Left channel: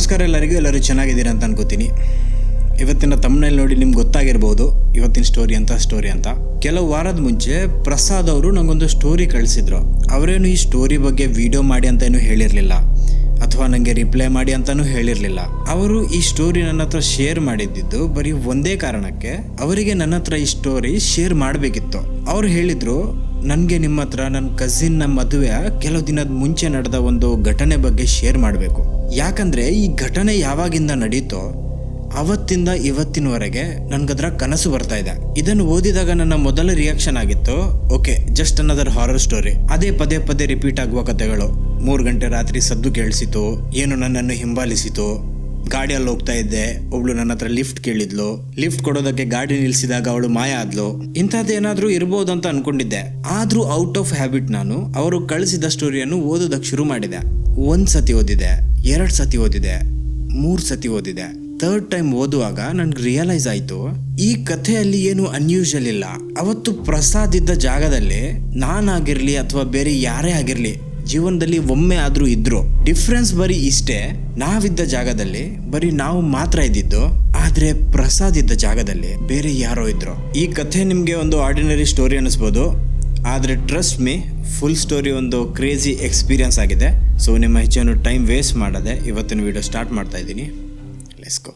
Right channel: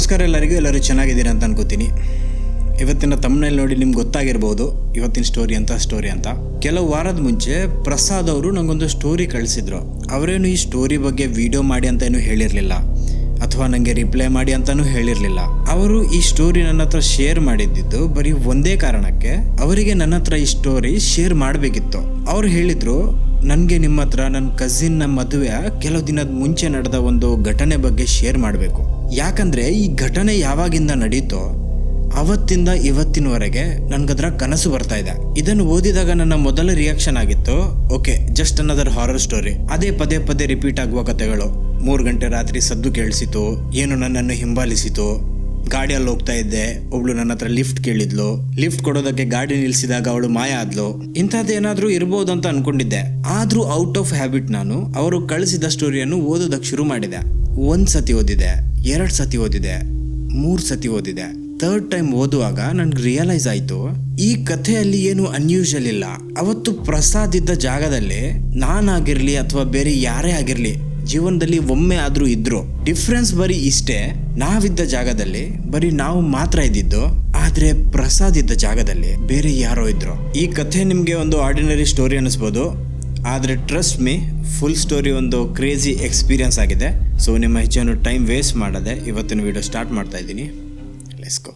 ನಮಸ್ಕಾರ ಎಲ್ಲರೂ ಚೆನ್ನಾಗಿದ್ದೀರಾ ಅಂತ ಅನ್ಕೋತೀನಿ. ಇವತ್ತಿನ ತಮ್ಮನೇಲಿ ನೋಡಿ ನಿಮ್ಗೆ ಗೊತ್ತಾಗಿರ್ಬೋದು ಇವತ್ತಿನ ಸ್ಟೋರಿ ಅಂತ. ಕೆಲವು ವಾರದ ಮುಂಚೆ ಪ್ರಸಾದ್ ಅವರು ನನಗೊಂದು ಸ್ಟೋರಿ ಕಳಿಸಿದ್ರು. ಅವರೇನು ಈ ಸ್ಟೋರಿ ಬಗ್ಗೆ ವಿಡಿಯೋ ಮಾಡಿ ಅಂತ ಏನು ಹೇಳಿರಲಿಲ್ಲ ಅಥವಾ ನನಗೆ ರಿಪ್ಲೈ ಮಾಡಿ ಅಂತಲೂ ಹೇಳಿರಲಿಲ್ಲ. ಅವರು ಈ ಸ್ಟೋರಿ ನನ್ನ ಹತ್ರ ಶೇರ್ ಮಾಡಿದ್ದು ಬರೀ ಒಂದೇ ಕಾರಣಕ್ಕೆ, ಅವರಿಗೆ ನನ್ನ ಹತ್ರ ಈ ಸ್ಟೋರಿ ಶೇರ್ ಮಾಡಬೇಕಿತ್ತು. ಅವ್ರು ಹೇಳಿದರು, ನನಗೆ ನಿಮ್ಮ ಹತ್ರ ನನ್ನ ಕಸಿನ್ನ ಮದುವೆ ಕೆಲವು ದಿನದ ಮುಂಚೆ ನಡೆದ ಒಂದು ಘಟನೆ ಬಗ್ಗೆ ಶೇರ್ ಮಾಡಬೇಕು. ಯಾಕಂದರೆ ಈ ಘಟನೆ ಯಾವಾಗಿಂದ ನಡೀತೋ ಅವತ್ತಿಂದ ಇವತ್ತಿನವರೆಗೆ ನನಗದ್ರ ಕನಸು ಬರ್ತಾ ಇದೆ. ಇದನ್ನು ಓದಿದಾಗ ನನ್ನ ಮೊದಲ ರಿಯಾಕ್ಷನ್ ಆಗಿತ್ತು, okay just another horror story. ಅದೇ ಪದೇ ರಿಪೀಟ್ ಆಗುವ ಕಥೆಗಳು. 3 ಗಂಟೆ ರಾತ್ರಿ ಸದ್ದು ಕೇಳಿಸಿತು, ಏನು ನನ್ನನ್ನು ಹಿಂಬಾಲಿಸಿತು, ಗಾಡಿಯಲ್ಲಿ ಹೋಗ್ತಾ ಇದ್ದೆ, ಒಬ್ಳು ನನ್ನ ಹತ್ರ ಲಿಫ್ಟ್ ಕೇಳಿದ್ಲು, ಲಿಫ್ಟ್ ಕೊಡೋದಕ್ಕೆ ಗಾಡಿ ನಿಲ್ಸಿದಾಗ ಅವಳು ಮಾಯ ಆದ್ಲು, ಇಂಥದ್ದೇನಾದ್ರೂ ಇರ್ಬೋದು ಅಂತ ಅನ್ಕೊಂಡಿದ್ದೆ. ಆದ್ರೂ ಔಟ್ ಆಫ್ ಹ್ಯಾಬಿಟ್ ನಾನು ಅವರು ಕಳಿಸಿದ ಸ್ಟೋರಿಯನ್ನು ಓದೋದಕ್ಕೆ ಶುರು ಮಾಡಿದೆ. 1 ಸತಿ ಓದಿದೆ, 2 ಸತಿ ಓದಿದೆ, 3 ಸತಿ ಓದಿದೆ. 3rd ಟೈಮ್ ಓದುವಾಗ ನನ್ಗೆ ರಿಯಲೈಸ್ ಆಯ್ತು, ಈ ಕಥೆಯಲ್ಲಿ ಏನು ಅನ್ಯೂಶಲ್ ಇಲ್ಲ. ಅವತ್ತು ಪ್ರಸಾದ್ ಇದ್ದ ಜಾಗದಲ್ಲಿ ನಾನಾಗಿರ್ಲಿ ಅಥವಾ ಬೇರೆ ಯಾರೇ ಆಗಿರ್ಲಿ ಜೀವನದಲ್ಲಿ ಒಮ್ಮೆ ಆದ್ರೂ ಇದ್ರು. ಡಿಫ್ರೆನ್ಸ್ ಬರೀ ಇಷ್ಟೇ, ನಾವಿದ್ದ ಜಾಗದಲ್ಲಿ ಬರೀ ನಾವು ಮಾತ್ರ ಇದ್ದಿದ್ದು, ಆದ್ರೆ ಪ್ರಸಾದ್ ಇದ್ದ ಜಾಗದಲ್ಲಿ ಬೇರೆ ಯಾರೋ ಇದ್ರು. ಈ ಕಥೆ ನಿಮ್ಗೆ ಒಂದು ಆರ್ಡಿನರಿ ಸ್ಟೋರಿ ಅನಿಸ್ಬೋದು, ಆದ್ರೆ ಟ್ರಸ್ಟ್ ಮೀ, ಫುಲ್ ಸ್ಟೋರಿ ಒಂದು ಕ್ರೇಜಿ ಎಕ್ಸ್ಪೀರಿಯನ್ಸ್ ಆಗಿದೆ. ಸೊ ನಿಮ್ಮ ಹೆಚ್ಚನ್ನು ಟೈಮ್ ವೇಸ್ಟ್ ಮಾಡದೆ ಇವತ್ತಿನ ವಿಡಿಯೋ ಸ್ಟಾರ್ಟ್ ಮಾಡ್ತಾ ಇದ್ದೀನಿ. Let's go.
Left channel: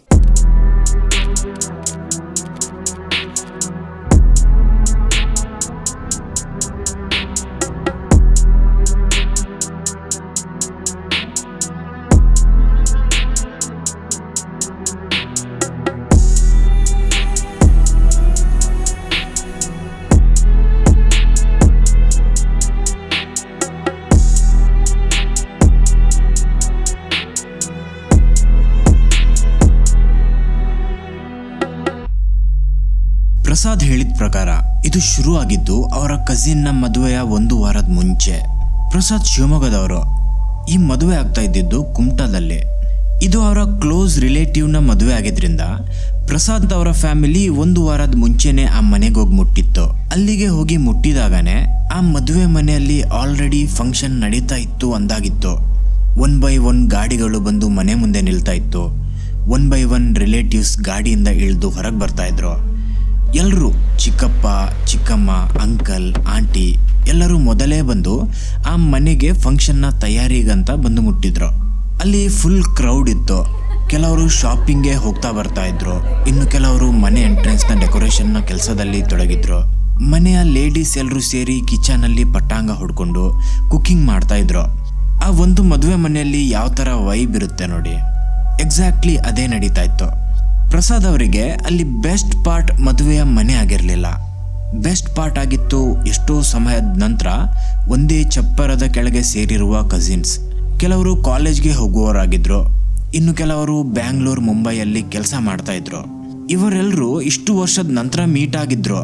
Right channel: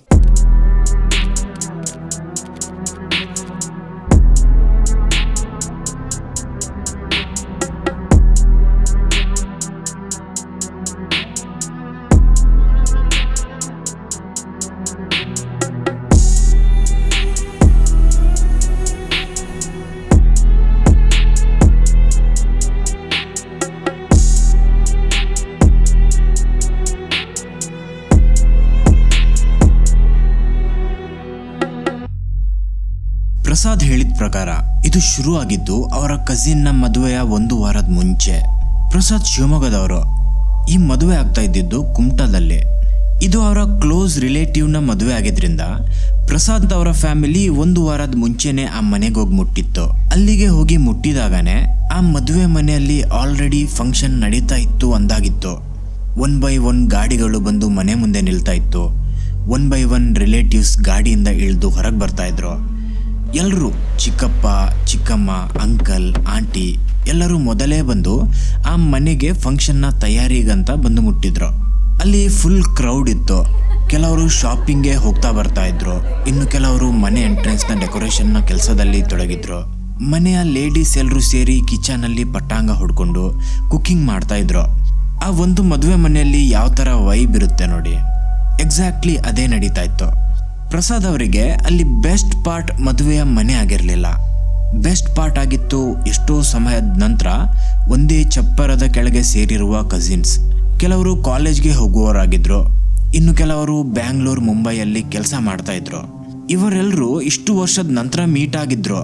ಪ್ರಸಾದ್ ಹೇಳಿದ ಪ್ರಕಾರ ಇದು ಶುರು ಆಗಿದ್ದು ಅವರ ಕಸಿನ್ನ ಮದುವೆಯ 1 ವಾರದ ಮುಂಚೆ. ಪ್ರಸಾದ್ ಶಿವಮೊಗ್ಗದವರು. ಈ ಮದುವೆ ಆಗ್ತಾ ಇದ್ದಿದ್ದು ಕುಮಟಾದಲ್ಲಿ. ಇದು ಅವರ ಕ್ಲೋಸ್ ರಿಲೇಟಿವ್ನ ಮದುವೆ ಆಗಿದ್ರಿಂದ ಪ್ರಸಾದ್ ಅವರ ಫ್ಯಾಮಿಲಿ 1 ವಾರದ ಮುಂಚೆನೆ ಆ ಮನೆಗೆ ಹೋಗಿ ಮುಟ್ಟಿತ್ತು. ಅಲ್ಲಿಗೆ ಹೋಗಿ ಮುಟ್ಟಿದಾಗನೇ ಆ ಮದುವೆ ಮನೆಯಲ್ಲಿ ಆಲ್ರೆಡಿ ಫಂಕ್ಷನ್ ನಡೀತಾ ಇತ್ತು ಅಂದಾಗಿತ್ತು. 1 by 1 ಗಾಡಿಗಳು ಬಂದು ಮನೆ ಮುಂದೆ ನಿಲ್ತಾ ಇತ್ತು. 1 by 1 ರಿಲೇಟಿವ್ಸ್ ಗಾಡಿಯಿಂದ ಇಳಿದು ಹೊರಗೆ ಬರ್ತಾ ಇದ್ರು. ಎಲ್ಲರೂ ಚಿಕ್ಕಪ್ಪ, ಚಿಕ್ಕಮ್ಮ, ಅಂಕಲ್, ಆಂಟಿ ಎಲ್ಲರೂ ಮೊದಲೇ ಬಂದು ಆ ಮನೆಗೆ ಫಂಕ್ಷನ್ನ ತಯಾರಿಗಂತ ಬಂದು ಮುಟ್ಟಿದ್ರು. ಅಲ್ಲಿ ಫುಲ್ ಕ್ರೌಡ್ ಇತ್ತು. ಕೆಲವರು ಶಾಪಿಂಗ್ಗೆ ಹೋಗ್ತಾ ಬರ್ತಾ ಇದ್ರು, ಇನ್ನು ಕೆಲವರು ಮನೆ ಎಂಟ್ರೆನ್ಸ್ನ ಡೆಕೋರೇಷನ್ನ ಕೆಲಸದಲ್ಲಿ ತೊಡಗಿದ್ರು. ಮನೆಯ ಲೇಡೀಸ್ ಎಲ್ಲರೂ ಸೇರಿ ಕಿಚನಲ್ಲಿ ಪಟ್ಟಾಂಗ ಹೊಡ್ಕೊಂಡು ಕುಕ್ಕಿಂಗ್ ಮಾಡ್ತಾ ಇದ್ರು. ಆ ಒಂದು ಮದುವೆ ಮನೆಯಲ್ಲಿ ಯಾವ ಥರ ವೈಬ್ ಇರುತ್ತೆ ನೋಡಿ, ಎಕ್ಸಾಕ್ಟ್ಲಿ ಅದೇ ನಡೀತಾ ಇತ್ತು. ಪ್ರಸಾದ್ ಅವರಿಗೆ ಅಲ್ಲಿ ಬೆಸ್ಟ್ ಪಾರ್ಟ್ ಮದುವೆಯ ಮನೆ ಆಗಿರಲಿಲ್ಲ. ಬೆಸ್ಟ್ ಪಾರ್ಟ್ ಆಗಿತ್ತು ಎಷ್ಟೋ ಸಮಯದ ನಂತರ ಒಂದೇ ಚಪ್ಪರದ ಕೆಳಗೆ ಸೇರಿರುವ ಕಸಿನ್ಸ್. ಕೆಲವರು ಕಾಲೇಜ್ಗೆ ಹೋಗುವವರಾಗಿದ್ರು, ಇನ್ನು ಕೆಲವರು ಬ್ಯಾಂಗ್ಳೂರ್, ಮುಂಬೈಯಲ್ಲಿ ಕೆಲಸ ಮಾಡ್ತಾ ಇದ್ರು. ಇವರೆಲ್ಲರೂ ಇಷ್ಟು ವರ್ಷದ ನಂತರ ಮೀಟ್ ಆಗಿದ್ರು.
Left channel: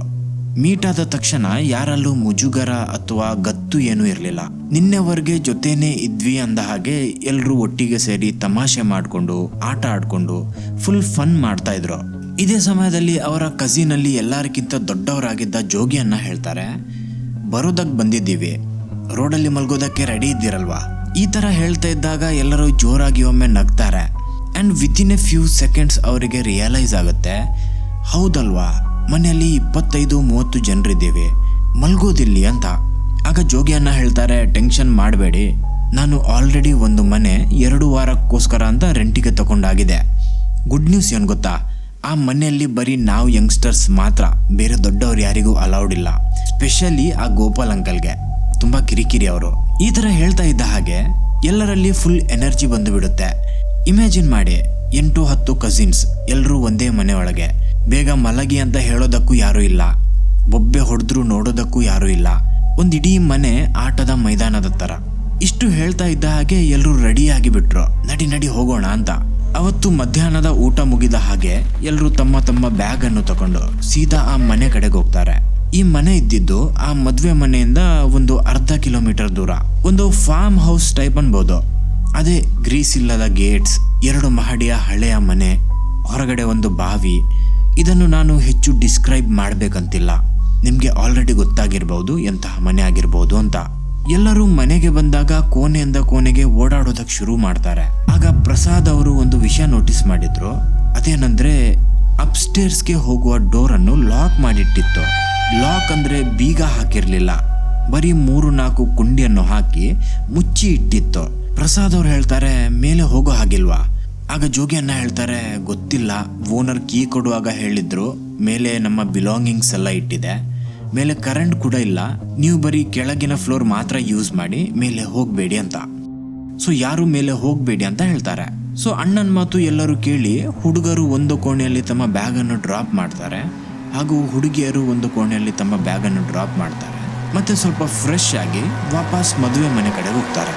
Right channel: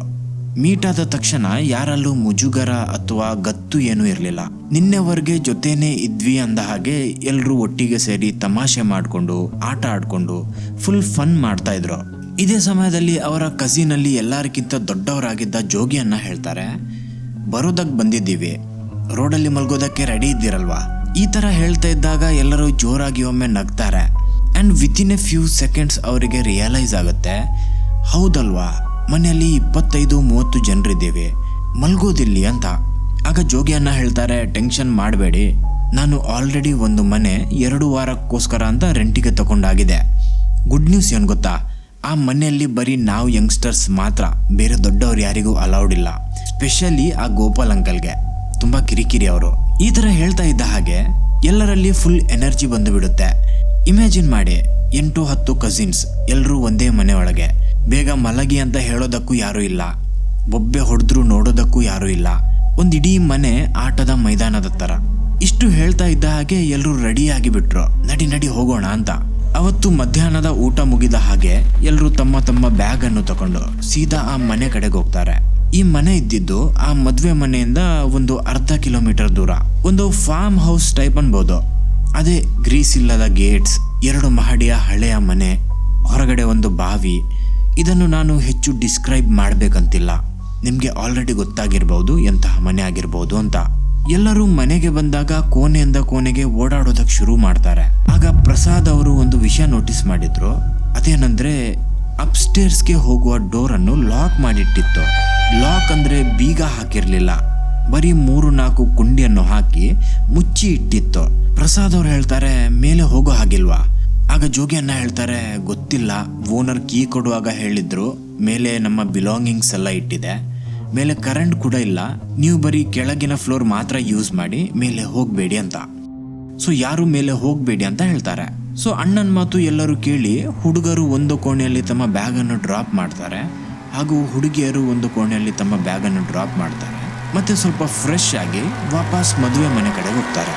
ಮೀಟ್ ಆದ ತಕ್ಷಣ ಯಾರಲ್ಲೂ ಮುಜುಗರ ಅಥವಾ ಗತ್ತು ಏನೂ ಇರಲಿಲ್ಲ. ನಿನ್ನೆವರೆಗೆ ಜೊತೆನೇ ಇದ್ವಿ ಅಂದ ಹಾಗೆ ಎಲ್ಲರೂ ಒಟ್ಟಿಗೆ ಸೇರಿ ತಮಾಷೆ ಮಾಡಿಕೊಂಡು ಆಟ ಆಡ್ಕೊಂಡು ಫುಲ್ ಫನ್ ಮಾಡ್ತಾ ಇದ್ರು. ಇದೇ ಸಮಯದಲ್ಲಿ ಅವರ ಕಸಿನಲ್ಲಿ ಎಲ್ಲರಿಗಿಂತ ದೊಡ್ಡವರಾಗಿದ್ದ ಜೋಗಿಯನ್ನ ಹೇಳ್ತಾರೆ, ಬರೋದಕ್ಕೆ ಬಂದಿದ್ದೀವಿ, ರೋಡಲ್ಲಿ ಮಲ್ಗೋದಕ್ಕೆ ರೆಡಿ ಇದ್ದೀರಲ್ವಾ. ಈ ಥರ ಹೇಳ್ತಾ ಇದ್ದಾಗ ಎಲ್ಲರೂ ಜೋರಾಗಿ ಒಮ್ಮೆ ನಗ್ತಾರೆ. And within a few seconds ಅವರಿಗೆ ರಿಯಲೈಸ್ ಆಗುತ್ತೆ, ಹೌದಲ್ವಾ ಮನೆಯಲ್ಲಿ 25-30 ಜನರಿದ್ದೀವಿ, ಮಲ್ಗೋದಿಲ್ಲಿ ಅಂತ. ಆಗ ಜೋಗಿಯನ್ನ ಹೇಳ್ತಾರೆ, ಟೆನ್ಷನ್ ಮಾಡಬೇಡಿ, ನಾನು ಆಲ್ರೆಡಿ ಒಂದು ಮನೆ 2 ವಾರಕ್ಕೋಸ್ಕರ ಅಂತ ರೆಂಟಿಗೆ ತಗೊಂಡಾಗಿದೆ. ಗುಡ್ ನ್ಯೂಸ್ ಏನು ಗೊತ್ತಾ, ಆ ಮನೆಯಲ್ಲಿ ಬರೀ ನಾವು ಯಂಗ್ಸ್ಟರ್ಸ್ ಮಾತ್ರ, ಬೇರೆ ದೊಡ್ಡವ್ರು ಯಾರಿಗೂ ಅಲೌಡ್ ಇಲ್ಲ. ಸ್ಪೆಷಲಿ ಆ ಗೋಪಾಲ್ ಅಂಕಲ್ಗೆ ತುಂಬ ಕಿರಿಕಿರಿ ಅವರು. ಈ ಥರ ಹೇಳ್ತಾ ಇದ್ದ ಹಾಗೆ ಎಲ್ಲರಲ್ಲಿ ಫುಲ್ ಎನರ್ಜಿ ಬಂದು ಬಿಡುತ್ತೆ. ಇಮ್ಯಾಜಿನ್ ಮಾಡಿ, 8-10 ಕಸಿನ್ಸ್ ಎಲ್ಲರೂ ಒಂದೇ ಮನೆ ಒಳಗೆ. ಬೇಗ ಮಲಗಿ ಅಂತ ಹೇಳೋದಕ್ಕೂ ಯಾರೂ ಇಲ್ಲ, ಬೊಬ್ಬೆ ಹೊಡೆದ್ರು ನೋಡೋದಕ್ಕೂ ಯಾರೂ ಇಲ್ಲ. ಒಂದು ಇಡೀ ಮನೆ ಆಟದ ಮೈದಾನದ ಥರ. ಇಷ್ಟು ಹೇಳ್ತಾ ಇದ್ದ ಹಾಗೆ ಎಲ್ಲರೂ ರೆಡಿ ಆಗಿಬಿಟ್ರು, ನಡಿ ಹೋಗೋಣ ಅಂತ. ಅವತ್ತು ಮಧ್ಯಾಹ್ನದ ಊಟ ಮುಗಿದ ಹಾಗೆ ಎಲ್ಲರೂ ತಮ್ಮ ತಮ್ಮ ಬ್ಯಾಗ್ ಅನ್ನು ತಗೊಂಡು ಸೀದಾ ಆ ಮನೆ ಕಡೆಗೆ ಹೋಗ್ತಾರೆ. ಈ ಮನೆ ಇದ್ದಿದ್ದು ಆ ಮದುವೆ ಮನೆಯಿಂದ ಒಂದು ಅರ್ಧ ಕಿಲೋಮೀಟರ್ ದೂರ. ಒಂದು ಫಾರ್ಮ್ ಹೌಸ್ ಟೈಪ್ ಅನ್ಬೋದು. ಅದೇ ಗ್ರೀಸ್ ಇಲ್ಲದ ಗೇಟ್ಸ್, 2 ಮಹಡಿಯ ಹಳೆಯ ಮನೆ, ಹೊರಗಡೆ ಒಂದು ಬಾವಿ. ಇದನ್ನು ನಾನು ಹೆಚ್ಚು ಡಿಸ್ಕ್ರೈಬ್ ಮಾಡಬೇಕಂತಿಲ್ಲ, ನಿಮಗೆ ಆಲ್ರೆಡಿ ಗೊತ್ತಾಗಿರ್ಬೋದು ಎಂತಹ ಮನೆ ಆಗಿರ್ಬೋದು ಅಂತ. ಎಲ್ಲರೂ ಮನೆಗೆ ಬಂದಾಗ ಕೋಣೆಯಿಂದ ಕೋಣೆಗೆ ಓಡಾಡೋದಕ್ಕೆ ಶುರು ಮಾಡ್ತಾರೆ. ಆಗ ಆಗ ಪ್ರಸಾದ್ ಅವರು ಒಂದು ವಿಷಯ ನೋಟಿಸ್ ಮಾಡಿದ್ರು. ಅದೇನಂದ್ರೆ ಅಪ್ಸ್ಟೇರ್ಸ್ಗೆ ಹೋಗುವ ಡೋರನ್ನು ಲಾಕ್ ಮಾಡಿಟ್ಟಿತ್ತು. ಲಾಕ್ ಅಂದ್ರೆ ಬೀಗ ಹಾಕಿರ್ಲಿಲ್ಲ, ಬರೀ 3-4 ಕುಂಡಿಯನ್ನು ಹಾಕಿ ಮುಚ್ಚಿ ಇಟ್ಟಿತ್ತು. ಪ್ರಸಾದ್ ಅವ್ರು ಹೇಳ್ತಾರೆ, ಮೇಲೆ ಹೋಗೋ ಹಾಗಿಲ್ವಾ? ಆಗ ಜೋಗಿ ಅಣ್ಣ ಹೇಳ್ತಾರೆ, ಗೊತ್ತಿಲ್ಲ, ಓನರ್ ಕೀ ಕೊಡುವಾಗ ಹೇಳಿದ್ರು ಮೇಲೆ ನಮ್ಮ ಬಿಲಾಂಗಿಂಗ್ಸ್ ಎಲ್ಲ ಇಟ್ಟಿದೆ, ಮೇಲೆ ಕರೆಂಟ್ ಕೂಡ ಇಲ್ಲ, ನೀವು ಬರೀ ಕೆಳಗಿನ ಫ್ಲೋರ್ ಮಾತ್ರ ಯೂಸ್ ಮಾಡಿ, ಮೇಲೆ ಹೋಗಬೇಡಿ ಅಂತ. ಸೊ ಯಾರು ಮೇಲೆ ಹೋಗಬೇಡಿ ಅಂತ ಹೇಳ್ತಾರೆ. ಸೊ ಅಣ್ಣನ ಮಾತು ಎಲ್ಲರೂ ಕೇಳಿ ಹುಡುಗರು ಒಂದು ಕೋಣೆಯಲ್ಲಿ ತಮ್ಮ ಬ್ಯಾಗನ್ನು ಡ್ರಾಪ್ ಮಾಡ್ತಾರೆ, ಹಾಗೂ ಹುಡುಗಿಯರು ಒಂದು ಕೋಣೆಯಲ್ಲಿ ತಮ್ಮ ಬ್ಯಾಗನ್ನು ಡ್ರಾಪ್ ಮಾಡ್ತಾರೆ. ಮತ್ತೆ ಸ್ವಲ್ಪ ಫ್ರೆಶ್ ಆಗಿ ವಾಪಸ್ ಮದುವೆ ಮನೆ ಕಡೆಗೆ ಹೋಗ್ತಾರೆ.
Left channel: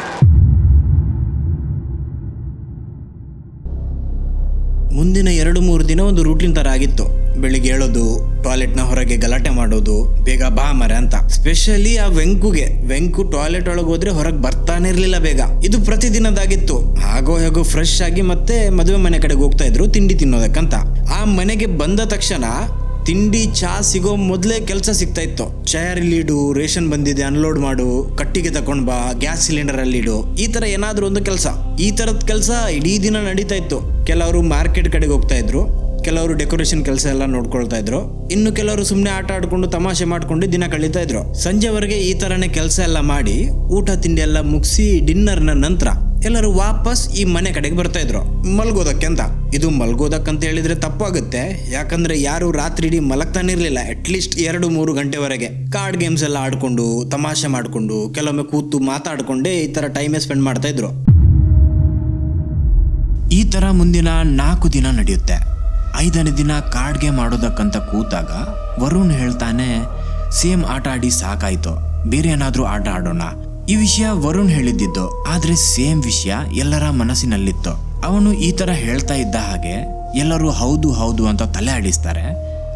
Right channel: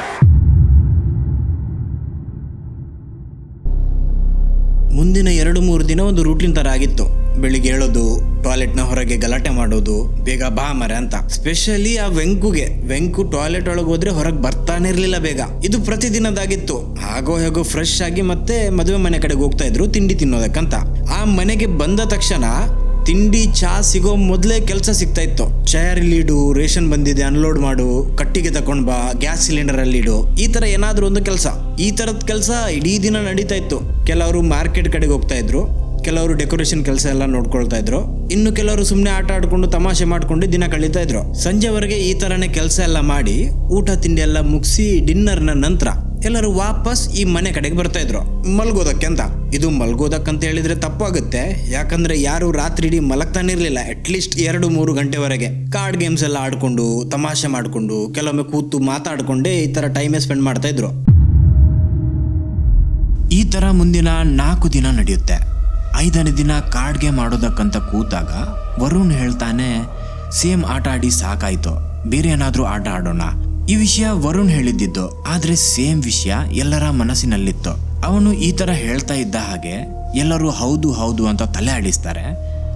ಮುಂದಿನ 2-3 ದಿನ ಒಂದು ರೂಟೀನ್ ತರ ಆಗಿತ್ತು. ಬೆಳಿಗ್ಗೆ ಹೇಳೋದು, ಟಾಯ್ಲೆಟ್ನ ಹೊರಗೆ ಗಲಾಟೆ ಮಾಡೋದು, ಬೇಗ ಬಾ ಮರೆ ಅಂತ. ಸ್ಪೆಷಲಿ ಆ ವೆಂಕು ಟಾಯ್ಲೆಟ್ ಒಳಗೆ ಹೋದ್ರೆ ಹೊರಗೆ ಬರ್ತಾನೆ ಇರ್ಲಿಲ್ಲ ಬೇಗ. ಇದು ಪ್ರತಿದಿನದಾಗಿತ್ತು. ಹಾಗೋ ಹೇಗೋ ಫ್ರೆಶ್ ಆಗಿ ಮತ್ತೆ ಮದುವೆ ಮನೆ ಕಡೆಗೆ ಹೋಗ್ತಾ ಇದ್ರು ತಿಂಡಿ ತಿನ್ನೋದಕ್ಕಂತ. ಆ ಮನೆಗೆ ಬಂದ ತಕ್ಷಣ ತಿಂಡಿ ಚಾ ಸಿಗೋ ಮೊದಲೇ ಕೆಲಸ ಸಿಗ್ತಾ ಇತ್ತು. ಚೇರ್ ಇಲ್ಲಿ ಇಡು, ರೇಷನ್ ಬಂದಿದೆ ಅನ್ಲೋಡ್ ಮಾಡು, ಕಟ್ಟಿಗೆ ತಕೊಂಡ್ ಬಾ, ಗ್ಯಾಸ್ ಸಿಲಿಂಡರ್ ಅಲ್ಲಿ ಇಡು, ಈ ತರ ಏನಾದ್ರೂ ಒಂದು ಕೆಲಸ. ಈ ತರದ ಕೆಲಸ ಇಡೀ ದಿನ ನಡೀತಾ ಇತ್ತು. ಕೆಲವರು ಮಾರ್ಕೆಟ್ ಕಡೆಗೆ ಹೋಗ್ತಾ ಇದ್ರು, ಕೆಲವರು ಡೆಕೋರೇಷನ್ ಕೆಲಸ ಎಲ್ಲ ನೋಡ್ಕೊಳ್ತಾ ಇದ್ರು, ಇನ್ನು ಕೆಲವರು ಸುಮ್ಮನೆ ಆಟ ಆಡ್ಕೊಂಡು ತಮಾಷೆ ಮಾಡ್ಕೊಂಡು ದಿನ ಕಳೀತಾ ಇದ್ರು. ಸಂಜೆವರೆಗೆ ಈ ತರನೇ ಕೆಲಸ ಎಲ್ಲ ಮಾಡಿ ಊಟ ತಿಂಡಿ ಎಲ್ಲ ಮುಗಿಸಿ ಡಿನ್ನರ್ನ ನಂತರ ಎಲ್ಲರೂ ವಾಪಸ್ ಈ ಮನೆ ಕಡೆಗೆ ಬರ್ತಾ ಇದ್ರು ಮಲ್ಗೋದಕ್ಕೆ ಅಂತ. ಇದು ಮಲ್ಗೋದಕ್ಕಂತ ಹೇಳಿದ್ರೆ ತಪ್ಪಾಗುತ್ತೆ, ಯಾಕಂದ್ರೆ ಯಾರು ರಾತ್ರಿ ಇಡೀ ಮಲಗ್ತಾನೆ ಇರ್ಲಿಲ್ಲ. ಅಟ್ಲೀಸ್ಟ್ 2-3 ಗಂಟೆವರೆಗೆ ಕಾರ್ಡ್ ಗೇಮ್ಸ್ ಎಲ್ಲ ಆಡ್ಕೊಂಡು ತಮಾಷೆ ಮಾಡ್ಕೊಂಡು ಕೆಲವೊಮ್ಮೆ ಕೂತು ಮಾತಾಡ್ಕೊಂಡೇ ಈ ತರ ಟೈಮೇ ಸ್ಪೆಂಡ್ ಮಾಡ್ತಾ ಇದ್ರು. ಈ ತರ ಮುಂದಿನ 4 ದಿನ ನಡೆಯುತ್ತೆ. 5ನೇ ದಿನ ಕಾರ್ಡ್ ಗೇಮ್ ಆಡೋದಕ್ಕಂತ ಕೂತಾಗ ವರುಣ್ ಹೇಳ್ತಾನೆ, ಸೇಮ್ ಆಟ ಆಡಿ ಸಾಕಾಯ್ತು, ಬೇರೆ ಏನಾದ್ರೂ ಆಟ ಆಡೋಣ. ಈ ವಿಷಯ ವರುಣ್ ಹೇಳಿದ್ದಿದ್ದು, ಆದ್ರೆ ಸೇಮ್ ವಿಷಯ ಎಲ್ಲರ ಮನಸ್ಸಿನಲ್ಲಿತ್ತು. ಅವನು ಈ ತರ ಹೇಳ್ತಾ ಇದ್ದ ಹಾಗೆ ಎಲ್ಲರೂ ಹೌದು ಹೌದು ಅಂತ ತಲೆ ಆಡಿಸ್ತಾರೆ,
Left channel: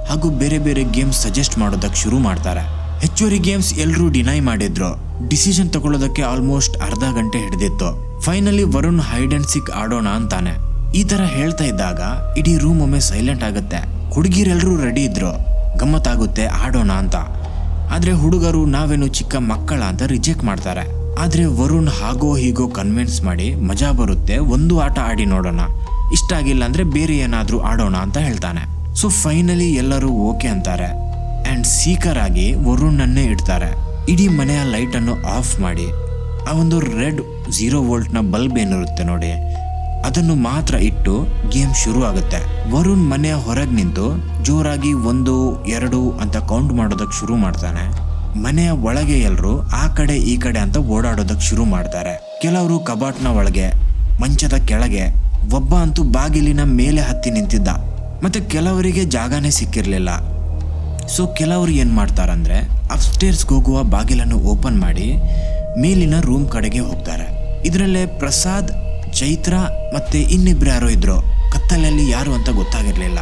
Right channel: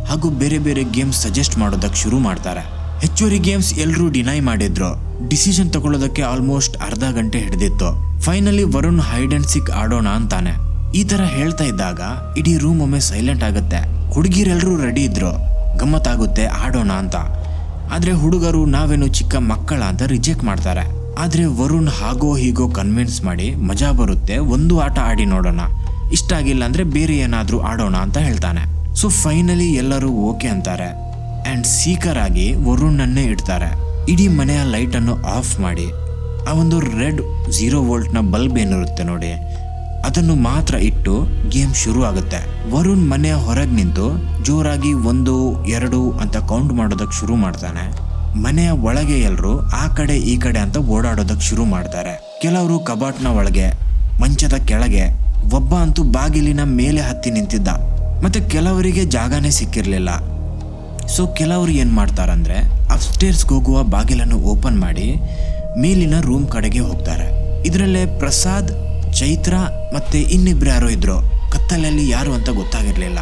ಹಾಗೂ ಬೇರೆ ಬೇರೆ ಗೇಮ್ಸ್ ಸಜೆಸ್ಟ್ ಮಾಡೋದಕ್ಕೆ ಶುರು ಮಾಡ್ತಾರೆ. ಹೆಚ್ಚುವರಿ ಗೇಮ್ಸ್ ಎಲ್ಲರೂ ಡಿನೈ ಮಾಡಿದ್ರು. ಡಿಸಿಷನ್ ತಗೊಳ್ಳೋದಕ್ಕೆ ಆಲ್ಮೋಸ್ಟ್ ಅರ್ಧ ಗಂಟೆ ಹಿಡಿದಿತ್ತು. ಫೈನಲಿ ವರುಣ್ ಹೈಡ್ ಅಂಡ್ ಸಿಕ್ ಆಡೋಣ ಅಂತಾನೆ. ಈ ತರ ಹೇಳ್ತಾ ಇದ್ದಾಗ ಇಡೀ ರೂಮ್ ಒಮ್ಮೆ ಸೈಲೆಂಟ್ ಆಗುತ್ತೆ. ಹುಡುಗಿರೆಲ್ಲರೂ ರೆಡಿ ಇದ್ರು, ಗಮ್ಮತ್ತಾಗುತ್ತೆ ಆಡೋಣ ಅಂತ. ಆದ್ರೆ ಹುಡುಗರು ನಾವೇನು ಚಿಕ್ಕ ಮಕ್ಕಳ ಅಂತ ರಿಜೆಕ್ಟ್ ಮಾಡ್ತಾರೆ. ಆದ್ರೆ ವರುಣ್ ಹಾಗೋ ಹೀಗೋ ಕನ್ವಿನ್ಸ್ ಮಾಡಿ ಮಜಾ ಬರುತ್ತೆ, ಒಂದು ಆಟ ಆಡಿ ನೋಡೋಣ, ಇಷ್ಟ ಆಗಿಲ್ಲ ಅಂದ್ರೆ ಬೇರೆ ಏನಾದ್ರೂ ಆಡೋಣ ಅಂತ ಹೇಳ್ತಾನೆ. ಸೊ ಫೈನಲಿ ಎಲ್ಲರೂ ಓಕೆ ಅಂತಾರೆ ಅಂಡ್ ಸೀಕರ್ ಆಗಿ ವರುಣ್ ಇಡ್ತಾರೆ. ಇಡೀ ಮನೆಯ ಲೈಟ್ ಅನ್ನು ಆಫ್ ಮಾಡಿ ಆ ಒಂದು ರೆಡ್ 0 ವೋಲ್ಟ್ನ ಬಲ್ಬ್ ಏನಿರುತ್ತೆ ನೋಡಿ, ಅದನ್ನು ಮಾತ್ರ ಇಟ್ಟು ಗೇಮ್ ಶುರು ಆಗುತ್ತೆ. ವರುಣ್ ಮನೆಯ ಹೊರಗೆ ನಿಂತು ಜೋರಾಗಿ 1, 2 ಅಂತ ಕೌಂಟ್ ಮಾಡೋದಕ್ಕೆ ಶುರು ಮಾಡ್ತಾನೆ. ಮನೆಯ ಒಳಗೆ ಎಲ್ಲರೂ ಆ ಕಡೆ ಈ ಕಡೆ ಅಂತ ಓಡಾಡೋದಕ್ಕೆ ಶುರು ಮಾಡ್ತಾರೆ. ಕೆಲವರು ಕಬಾಟ್ನ ಒಳಗೆ, ಮಂಚದ ಕೆಳಗೆ, ಒಬ್ಬ ಅಂತೂ ಬಾಗಿಲಿನ ಮೇಲೆ ಹತ್ತಿ ನಿಂತಿದ್ದ. ಮತ್ತೆ ಕೆಲವರಿಗೆ ಜಾಗನೇ ಸಿಕ್ಕಿರ್ಲಿಲ್ಲ. ಸೊ ಕೆಲವರು ಏನ್ ಮಾಡ್ತಾರಂದ್ರೆ ಅಪ್ಸ್ಟೇರ್ಸ್ಗೆ ಹೋಗುವ ಬಾಗಿಲನ್ನು ಓಪನ್ ಮಾಡಿ ಮೇಲಿನ ರೂಮ್ ಕಡೆಗೆ ಹೋಗ್ತಾರೆ. ಇದರಲ್ಲೇ ಪ್ರಸಾದ್, ಚೈತ್ರ ಮತ್ತೆ ಇನ್ನಿಬ್ರು ಯಾರೋ ಇದ್ರು. ಕತ್ತಲಲ್ಲಿ ಯಾರು ಅಂತ ಗೊತ್ತಾಗಿರ್ಲಿಲ್ಲ.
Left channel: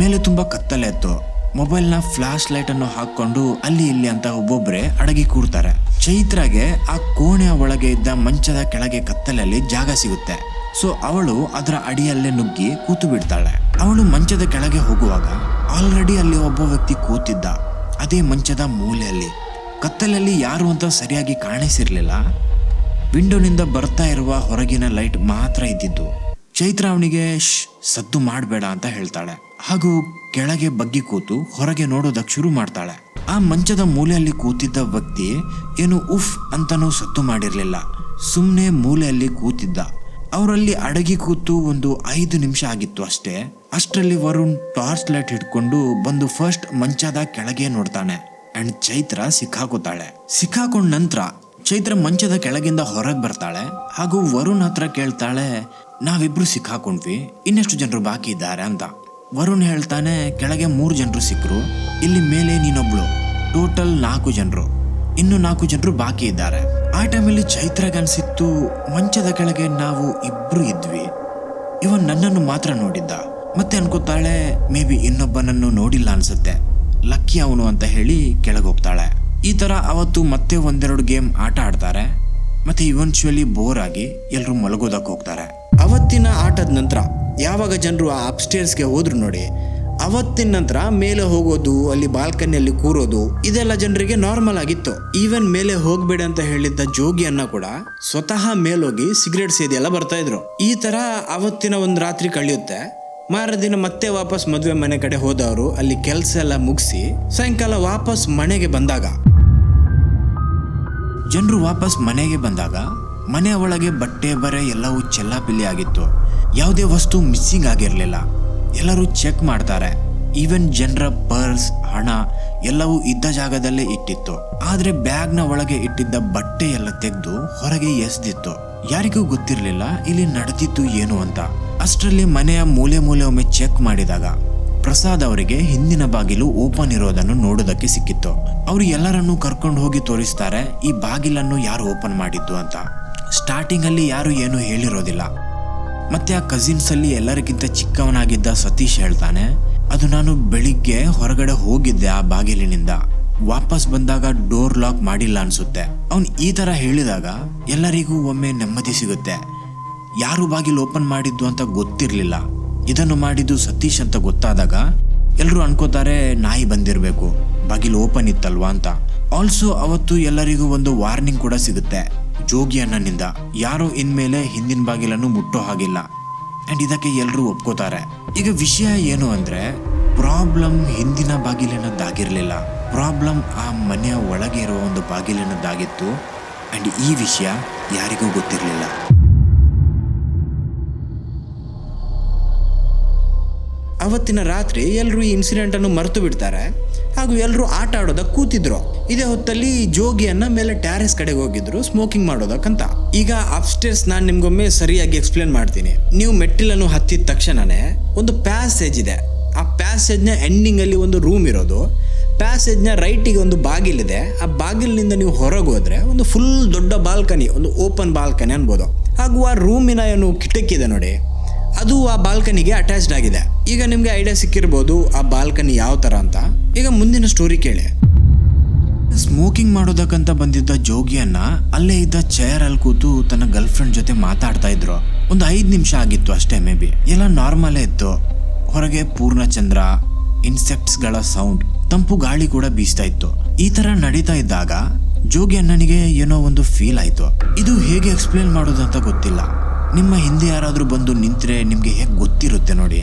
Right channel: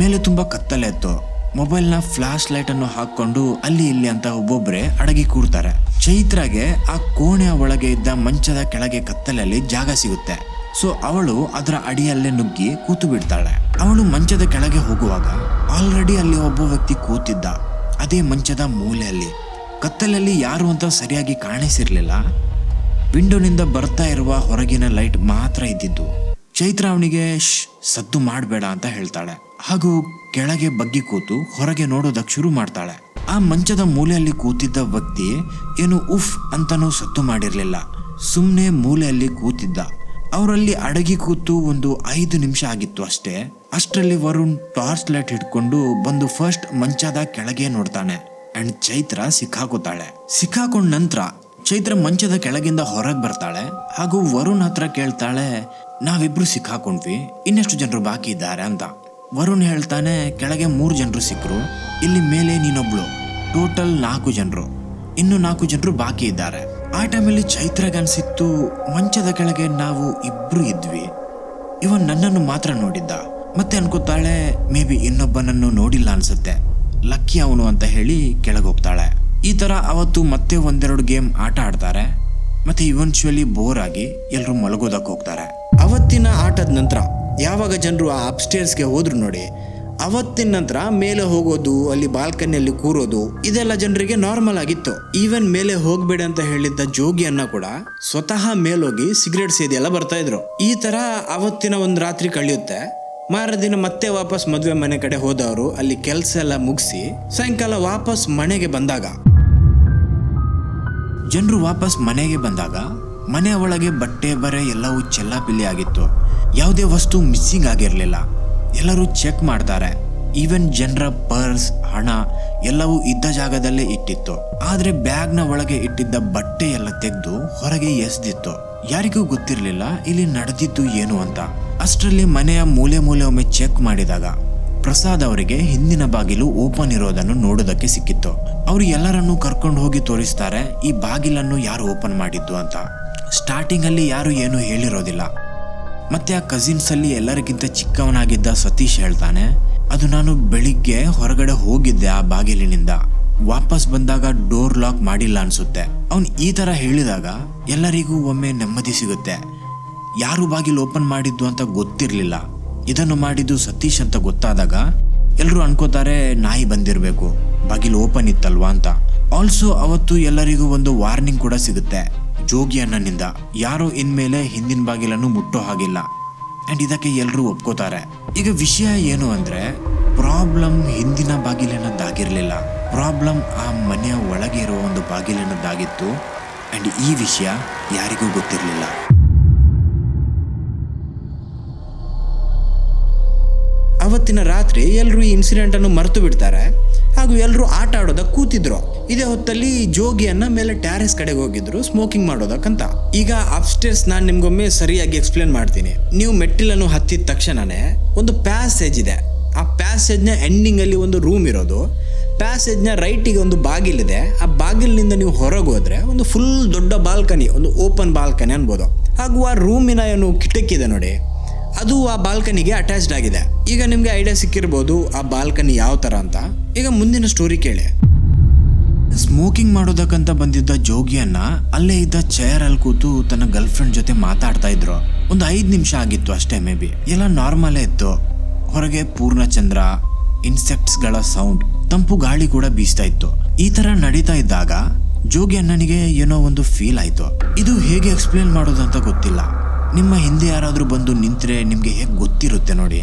ಮೇಲೆ ತುಂಬಾ ಕತ್ತಲೆ ಇತ್ತು. ಮೊಬೈಲ್ನ ಫ್ಲಾಶ್ ಲೈಟ್ ಅನ್ನು ಹಾಕೊಂಡು ಅಲ್ಲಿ ಇಲ್ಲಿ ಅಂತ ಒಬ್ಬೊಬ್ರೆ ಅಡಗಿ ಕೂರ್ತಾರೆ. ಚೈತ್ರಾಗೆ ಆ ಕೋಣೆಯ ಒಳಗೆ ಇದ್ದ ಮಂಚದ ಕೆಳಗೆ ಕತ್ತಲಲ್ಲಿ ಜಾಗ ಸಿಗುತ್ತೆ. ಸೊ ಅವಳು ಅದರ ಅಡಿಯಲ್ಲೇ ನುಗ್ಗಿ ಕೂತು ಬಿಡ್ತಾಳೆ. ಅವಳು ಮಂಚದ ಕೆಳಗೆ ಹೋಗುವಾಗ ಆಲ್ರೆಡಿ ಅಲ್ಲಿ ಒಬ್ಬ ವ್ಯಕ್ತಿ ಕೂತಿದ್ದ, ಅದೇ ಮಂಚದ ಮೂಲೆಯಲ್ಲಿ. ಕತ್ತಲಲ್ಲಿ ಯಾರು ಅಂತ ಸರಿಯಾಗಿ ಕಾಣಿಸಿರ್ಲಿಲ್ಲ. ವಿಂಡೋನಿಂದ ಬರ್ತಾ ಇರುವ ಹೊರಗಿನ ಲೈಟ್ ಮಾತ್ರ ಇದ್ದಿದ್ದು. ಚೈತ್ರ ಅವನಿಗೆ ಸದ್ದು ಮಾಡಬೇಡ ಅಂತ ಹೇಳ್ತಾಳೆ, ಹಾಗೂ ಕೆಳಗೆ ಬಗ್ಗಿ ಕೂತು ಹೊರಗೆ ನೋಡೋದಕ್ಕೆ ಶುರು ಮಾಡ್ತಾಳೆ. ಆ ಮಂಚದ ಮೂಲೆಯಲ್ಲಿ ಕೂತಿದ್ದ ವ್ಯಕ್ತಿ ಏನು ಉಫ್ ಅಂತನೂ ಸದ್ದು ಮಾಡಿರ್ಲಿಲ್ಲ, ಸುಮ್ಮನೆ ಮೂಲೆಯಲ್ಲಿ ಕೂತಿದ್ದ. ಅವರಲ್ಲಿ ಅಡಗಿ ಕೂತು ಒಂದು 5 ನಿಮಿಷ ಆಗಿತ್ತು ಅಷ್ಟೇ. ಅಷ್ಟರಲ್ಲಿ ವರುಣ್ ಟಾರ್ಚ್ ಲೈಟ್ ಹಿಡ್ಕೊಂಡು ಬಂದು ಫಸ್ಟ್ ಮಂಚದ ಕೆಳಗೆ ನೋಡ್ತಾನೆ ಅಂಡ್ ಚೈತ್ರ ಸಿಕ್ಕಾಕೊಂಡ ನಂತರ ಚೈತ್ರ ಮಂಚದ ಕೆಳಗಿಂದ ಹೊರಗೆ ಬರ್ತಾಳೆ, ಹಾಗೂ ವರುಣ್ ಹತ್ರ ಕೇಳ್ತಾಳೆ, ನಾವಿಬ್ರು ಸಿಕ್ಕಾಕೊಂಡ್ವಿ, ಇನ್ನೆಷ್ಟು ಜನರು ಬಾಕಿ ಇದ್ದಾರೆ ಅಂತ. ವರುಣ್ ಹೇಳ್ತಾನೆ, ಕೆಳಗೆ 3 ಜನರು ಸಿಕ್ಕರು, ಇಲ್ಲಿ ಮೇಲೆ ನೀನೊಬ್ಳು, ಟೋಟಲ್ 4 ಜನರು, ಇನ್ನು 4 ಜನರು ಬಾಕಿ ಇದ್ದಾರೆ. ಆ ಟೈಮಲ್ಲಿ ಚೈತ್ರಗನ್ಸಿತ್ತು, ಮಂಚದ ಕೆಳಗೆ ನಾವು ಇಬ್ರು ಇದ್ವಿ, ಇವನ್ ನನ್ನನ್ನು ಮಾತ್ರ ನೋಡಿದ್ದ. ಮತ್ತೆ ಅನ್ಕೋತಾಳೆ, ಮೇ ಬಿ ಇನ್ನೊಬ್ಬನನ್ನು ನೋಡಿಲ್ಲ ಅನ್ಸುತ್ತೆ, ಲಕ್ಕಿ ಅವನು ಅಂತ ಹೇಳಿ ಕೆಳಗೆ ಹೋಗ್ತಾಳೆ. ಈ ತರ ಅವತ್ತು ಮತ್ತೆ 1-2 ಗೇಮ್ ಆಟ ಆಡ್ತಾರೆ. ಮತ್ತೆ ಇವೆನ್ಚುಯಲಿ ಬೋರ್ ಆಗಿ ಎಲ್ಲರೂ ಮಲಗೋದಕ್ಕೆ ಹೋಗ್ತಾರೆ. ಅವತ್ತಿನ ಆಟದ ನಂತರ ಯಾವಾಗ ಜನರು ಆ ಅಪ್ಸ್ಟೇರ್ಸ್ಗೆ ಹೋದ್ರು ನೋಡಿ, ಅವತ್ತಿನ ನಂತರ ಮೇಲೆ ಹೋಗೋದು, ಅಲ್ಲಿ ಬಾಲ್ಕನಿಯಲ್ಲಿ ಕೂರೋದು ಇದೆಲ್ಲ ಜನರಿಗೆ ನಾರ್ಮಲ್ ಆಗಿತ್ತು. ಈವನ್ ಮೇಲೆ ಹೋಗ್ಬೇಡ ಅಂತ ಹೇಳಿದ್ದ ಜೋಗಿಯನ್ನ ಕೂಡ ಸ್ವತಃ ಮೇಲೋಗಿ ಸಿಗರೇಟ್ ಸೇದಿ ಎಲ್ಲ ಬರ್ತಾ ಇದ್ರು. ಈ ತರ ಅವತ್ತಿನ ಒಂದು ರಾತ್ರಿ ಕಳೆಯುತ್ತೆ. ಮಾರದಿನ ಮತ್ತೆ ವಾಪಸ್ ಮದುವೆ ಮನೆ ಕಡೆ ಹೋದವರು ಅಲ್ಲಿ ಕೆಲಸ ಎಲ್ಲ ಮುಗಿಸಿ ಸಾಯಂಕಾಲ ವಾಪಸ್ ಮನೆಗೆ ಬಂದಾಗ, ಜನರು ವಾಪಸ್ ಮನೆಗೆ ಬಂದಾಗ ಮನೆಯ ಒಳಗೆ ಬಟ್ಟೆ ಬರೆ ಎಲ್ಲವೂ ಚೆಲ್ಲಾಪಿಲ್ಲಿ ಆಗಿತ್ತು. ಯಾವುದೇ ವಸ್ತು ಮಿಸ್ಸಿಂಗ್ ಆಗಿರಲಿಲ್ಲ. ಎಲ್ಲರೂ ಚೆಕ್ ಮಾಡ್ತಾರೆ. ಈವನ್ ಜನರ ಪರ್ಸ್, ಹಣ ಎಲ್ಲವೂ ಇದ್ದ ಜಾಗದಲ್ಲೇ ಇಟ್ಟಿತ್ತು. ಆದ್ರೆ ಬ್ಯಾಗ್ನ ಒಳಗೆ ಇಟ್ಟಿದ್ದ ಬಟ್ಟೆ ಎಲ್ಲ ತೆಗೆದು ಹೊರಗೆ ಎಸ್ದಿತ್ತು. ಯಾರಿಗೂ ಗೊತ್ತಿರಲಿಲ್ಲ ಇಲ್ಲಿ ನಡೆದಿದ್ದು ಏನು ಅಂತ. ಅಷ್ಟರಲ್ಲಿ ಮನೆಯ ಮೂಲೆ ಒಮ್ಮೆ ಚೆಕ್ ಮಾಡಿದಾಗ ಪ್ರಸಾದ್ ಅವರಿಗೆ ಹಿಂದಿನ ಬಾಗಿಲು ಓಪನ್ ಇರೋದನ್ನು ನೋಡೋದಕ್ಕೆ ಸಿಕ್ಕಿತ್ತು. ಅವರು ಎಲ್ಲರನ್ನೂ ಕರ್ಕೊಂಡು ಹೋಗಿ ತೋರಿಸ್ತಾರೆ ಈ ಬಾಗಿಲನ್ನು ಯಾರು ಓಪನ್ ಮಾಡಿದ್ದು ಅಂತ. ಸ್ಟಾರ್ಟಿಂಗ್ ಅಲ್ಲಿ ಯಾರು ಏನು ಹೇಳಿರೋದಿಲ್ಲ. ಮತ್ತೆ ಆ ಕಸಿನ್ಸ್ ಅಲ್ಲಿ ಎಲ್ಲರಿಗಿಂತ ಚಿಕ್ಕವನಾಗಿದ್ದ ಸತೀಶ್ ಹೇಳ್ತಾನೆ, ಅದು ನಾನು ಬೆಳಿಗ್ಗೆ ಹೊರಗಡೆ ಹೋಗಿದ್ದೆ ಆ ಬಾಗಿಲಿನಿಂದ, ವಾಪಸ್ ಬಂದಾಗ ಡೋರ್ ಲಾಕ್ ಮಾಡಿಲ್ಲ ಅನ್ಸುತ್ತೆ. ಅವನು ಈ ತರ ಹೇಳಿದಾಗ ಎಲ್ಲರಿಗೂ ಒಮ್ಮೆ ನೆಮ್ಮದಿ ಸಿಗುತ್ತೆ. ಯಾರು ಬಾಗಿಲು ಓಪನ್ ಮಾಡಿದ್ದು ಅಂತ ಗೊತ್ತಿರಲಿಲ್ಲ. ಇದನ್ನು ಮಾಡಿದ್ದು ಸತೀಶ್ ಅಂತ ಗೊತ್ತಾದಾಗ ಎಲ್ಲರೂ ಅನ್ಕೋತಾರೆ ನಾಯಿ ಬಂದಿರಬೇಕು, ಬಾಗಿಲು ಓಪನ್ ಇತ್ತಲ್ವಾ ಅಂತ. ಆಲ್ಸೋ ಅವತ್ತು ಎಲ್ಲರಿಗೂ ಒಂದು ವಾರ್ನಿಂಗ್ ಕೂಡ ಸಿಗುತ್ತೆ ಜೋಗಿ ಅಣ್ಣನಿಂದ, ಯಾರೋ ಇನ್ಮೇಲೆ ಹಿಂದಿನ ಬಾಗಿಲನ್ನು ಮುಟ್ಟೋ ಹಾಗಿಲ್ಲ. ಅಂಡ್ ಇದಕ್ಕೆ ಎಲ್ಲರೂ ಒಪ್ಕೋತಾರೆ. ಈಗ ವಿಷಯ ಏನು ಅಂದ್ರೆ, ಪ್ರಾಬ್ಲಮ್ ಹಿಂದಿನ ಬಾಗಿಲಿನದ್ದಾಗಿರ್ಲಿಲ್ಲ, ಪ್ರಾಬ್ಲಮ್ ಆ ಮನೆಯ ಒಳಗೆ ಇರುವ ಒಂದು ಬಾಗಿಲಿನದ್ದಾಗಿತ್ತು. ಅಂಡ್ ಈ ವಿಷಯ ಯಾರಿಗೂ ಗೊತ್ತಿರಲಿಲ್ಲ. ಅವತ್ತಿನ ರಾತ್ರಿ ಎಲ್ಲರೂ ಈ ಇನ್ಸಿಡೆಂಟ್ ಅನ್ನು ಮರೆತು ಬಿಡ್ತಾರೆ ಹಾಗೂ ಎಲ್ಲರೂ ಆಟ ಆಡೋದಕ್ಕೆ ಕೂತಿದ್ರು. ಇದೇ ಹೊತ್ತಲ್ಲಿ ಜೋಗಿಯನ್ನ ಮೇಲೆ ಟ್ಯಾರೆಸ್ ಕಡೆಗೆ ಹೋಗಿದ್ರು ಸ್ಮೋಕಿಂಗ್ ಮಾಡೋದಕ್ಕಂತ. ಈಗ ಅಪ್ಸ್ಟೇರ್ಸ್ ನಾನು ನಿಮ್ಗೊಮ್ಮೆ ಸರಿಯಾಗಿ ಎಕ್ಸ್ಪ್ಲೇನ್ ಮಾಡ್ತೀನಿ. ನೀವು ಮೆಟ್ಟಿಲನ್ನು ಹತ್ತಿದ ತಕ್ಷಣನೇ ಒಂದು ಪ್ಯಾಸೇಜ್ ಇದೆ. ಆ ಪ್ಯಾಸೇಜ್ನ ಎಂಡಿಂಗ್ ಅಲ್ಲಿ ಒಂದು ರೂಮ್ ಇರೋದು. ಪ್ಯಾಸೇಜ್ನ ರೈಟಿಗೆ ಒಂದು ಬಾಗಿಲಿದೆ. ಆ ಬಾಗಿಲಿನಿಂದ ನೀವು ಹೊರಗೆ ಹೋದ್ರೆ ಒಂದು ಫುಲ್ ದೊಡ್ಡ ಬಾಲ್ಕನಿ, ಒಂದು ಓಪನ್ ಬಾಲ್ಕನಿ ಅನ್ಬೋದು. ಹಾಗೂ ಆ ರೂಮಿನ ಏನು ಕಿಟಕಿ ಇದೆ ನೋಡಿ, ಅದು ಆ ಬಾಲ್ಕನಿಗೆ ಅಟ್ಯಾಚ್ಡ್ ಆಗಿದೆ. ಈಗ ನಿಮ್ಗೆ ಐಡಿಯಾ ಸಿಕ್ಕಿರ್ಬೋದು ಆ ಬಾಲ್ಕನಿ ಯಾವ ತರ ಅಂತ. ಈಗ ಮುಂದಿನ ಸ್ಟೋರಿ ಕೇಳಿ. ಸ್ಮೋಕಿಂಗ್ ಮಾಡೋದಕ್ಕಂತ ಬಂದಿದ್ದ ಜೋಗಿಯನ್ನ ಅಲ್ಲೇ ಇದ್ದ ಚೇರ್ ಅಲ್ಲಿ ಕೂತು ತನ್ನ ಗರ್ಲ್ ಫ್ರೆಂಡ್ ಜೊತೆ ಮಾತಾಡ್ತಾ ಇದ್ರು. ಒಂದು 5 ನಿಮಿಷ ಆಗಿತ್ತು ಅಷ್ಟೇ, ಮೇ ಬಿ. ಎಲ್ಲ ನಾರ್ಮಲೇ ಇತ್ತು. ಹೊರಗೆ ಪೂರ್ಣಚಂದ್ರ, ಇನ್ಸೆಕ್ಟ್ಸ್ ಗಳ ಸೌಂಡ್, ತಂಪು ಗಾಳಿ ಕೂಡ ಬೀಸ್ತಾ ಇತ್ತು. ಈ ತರ ನಡೀತಾ ಇದ್ದಾಗ ಜೋಗಿ ಅಣ್ಣನಿಗೆ ಏನೋ ಒಂದು ಫೀಲ್ ಆಯ್ತು. ಇದು ಹೇಗೆ ಎಕ್ಸ್ಪ್ಲೇನ್ ಮಾಡೋದಂತ ಗೊತ್ತಿಲ್ಲ. ನಿಮ್ಮ ಹಿಂದೆ ಯಾರಾದ್ರೂ ಬಂದು ನಿಂತ್ರೆ ನಿಮ್ಗೆ ಹೇಗೆ ಗೊತ್ತಿರುತ್ತೆ ನೋಡಿ,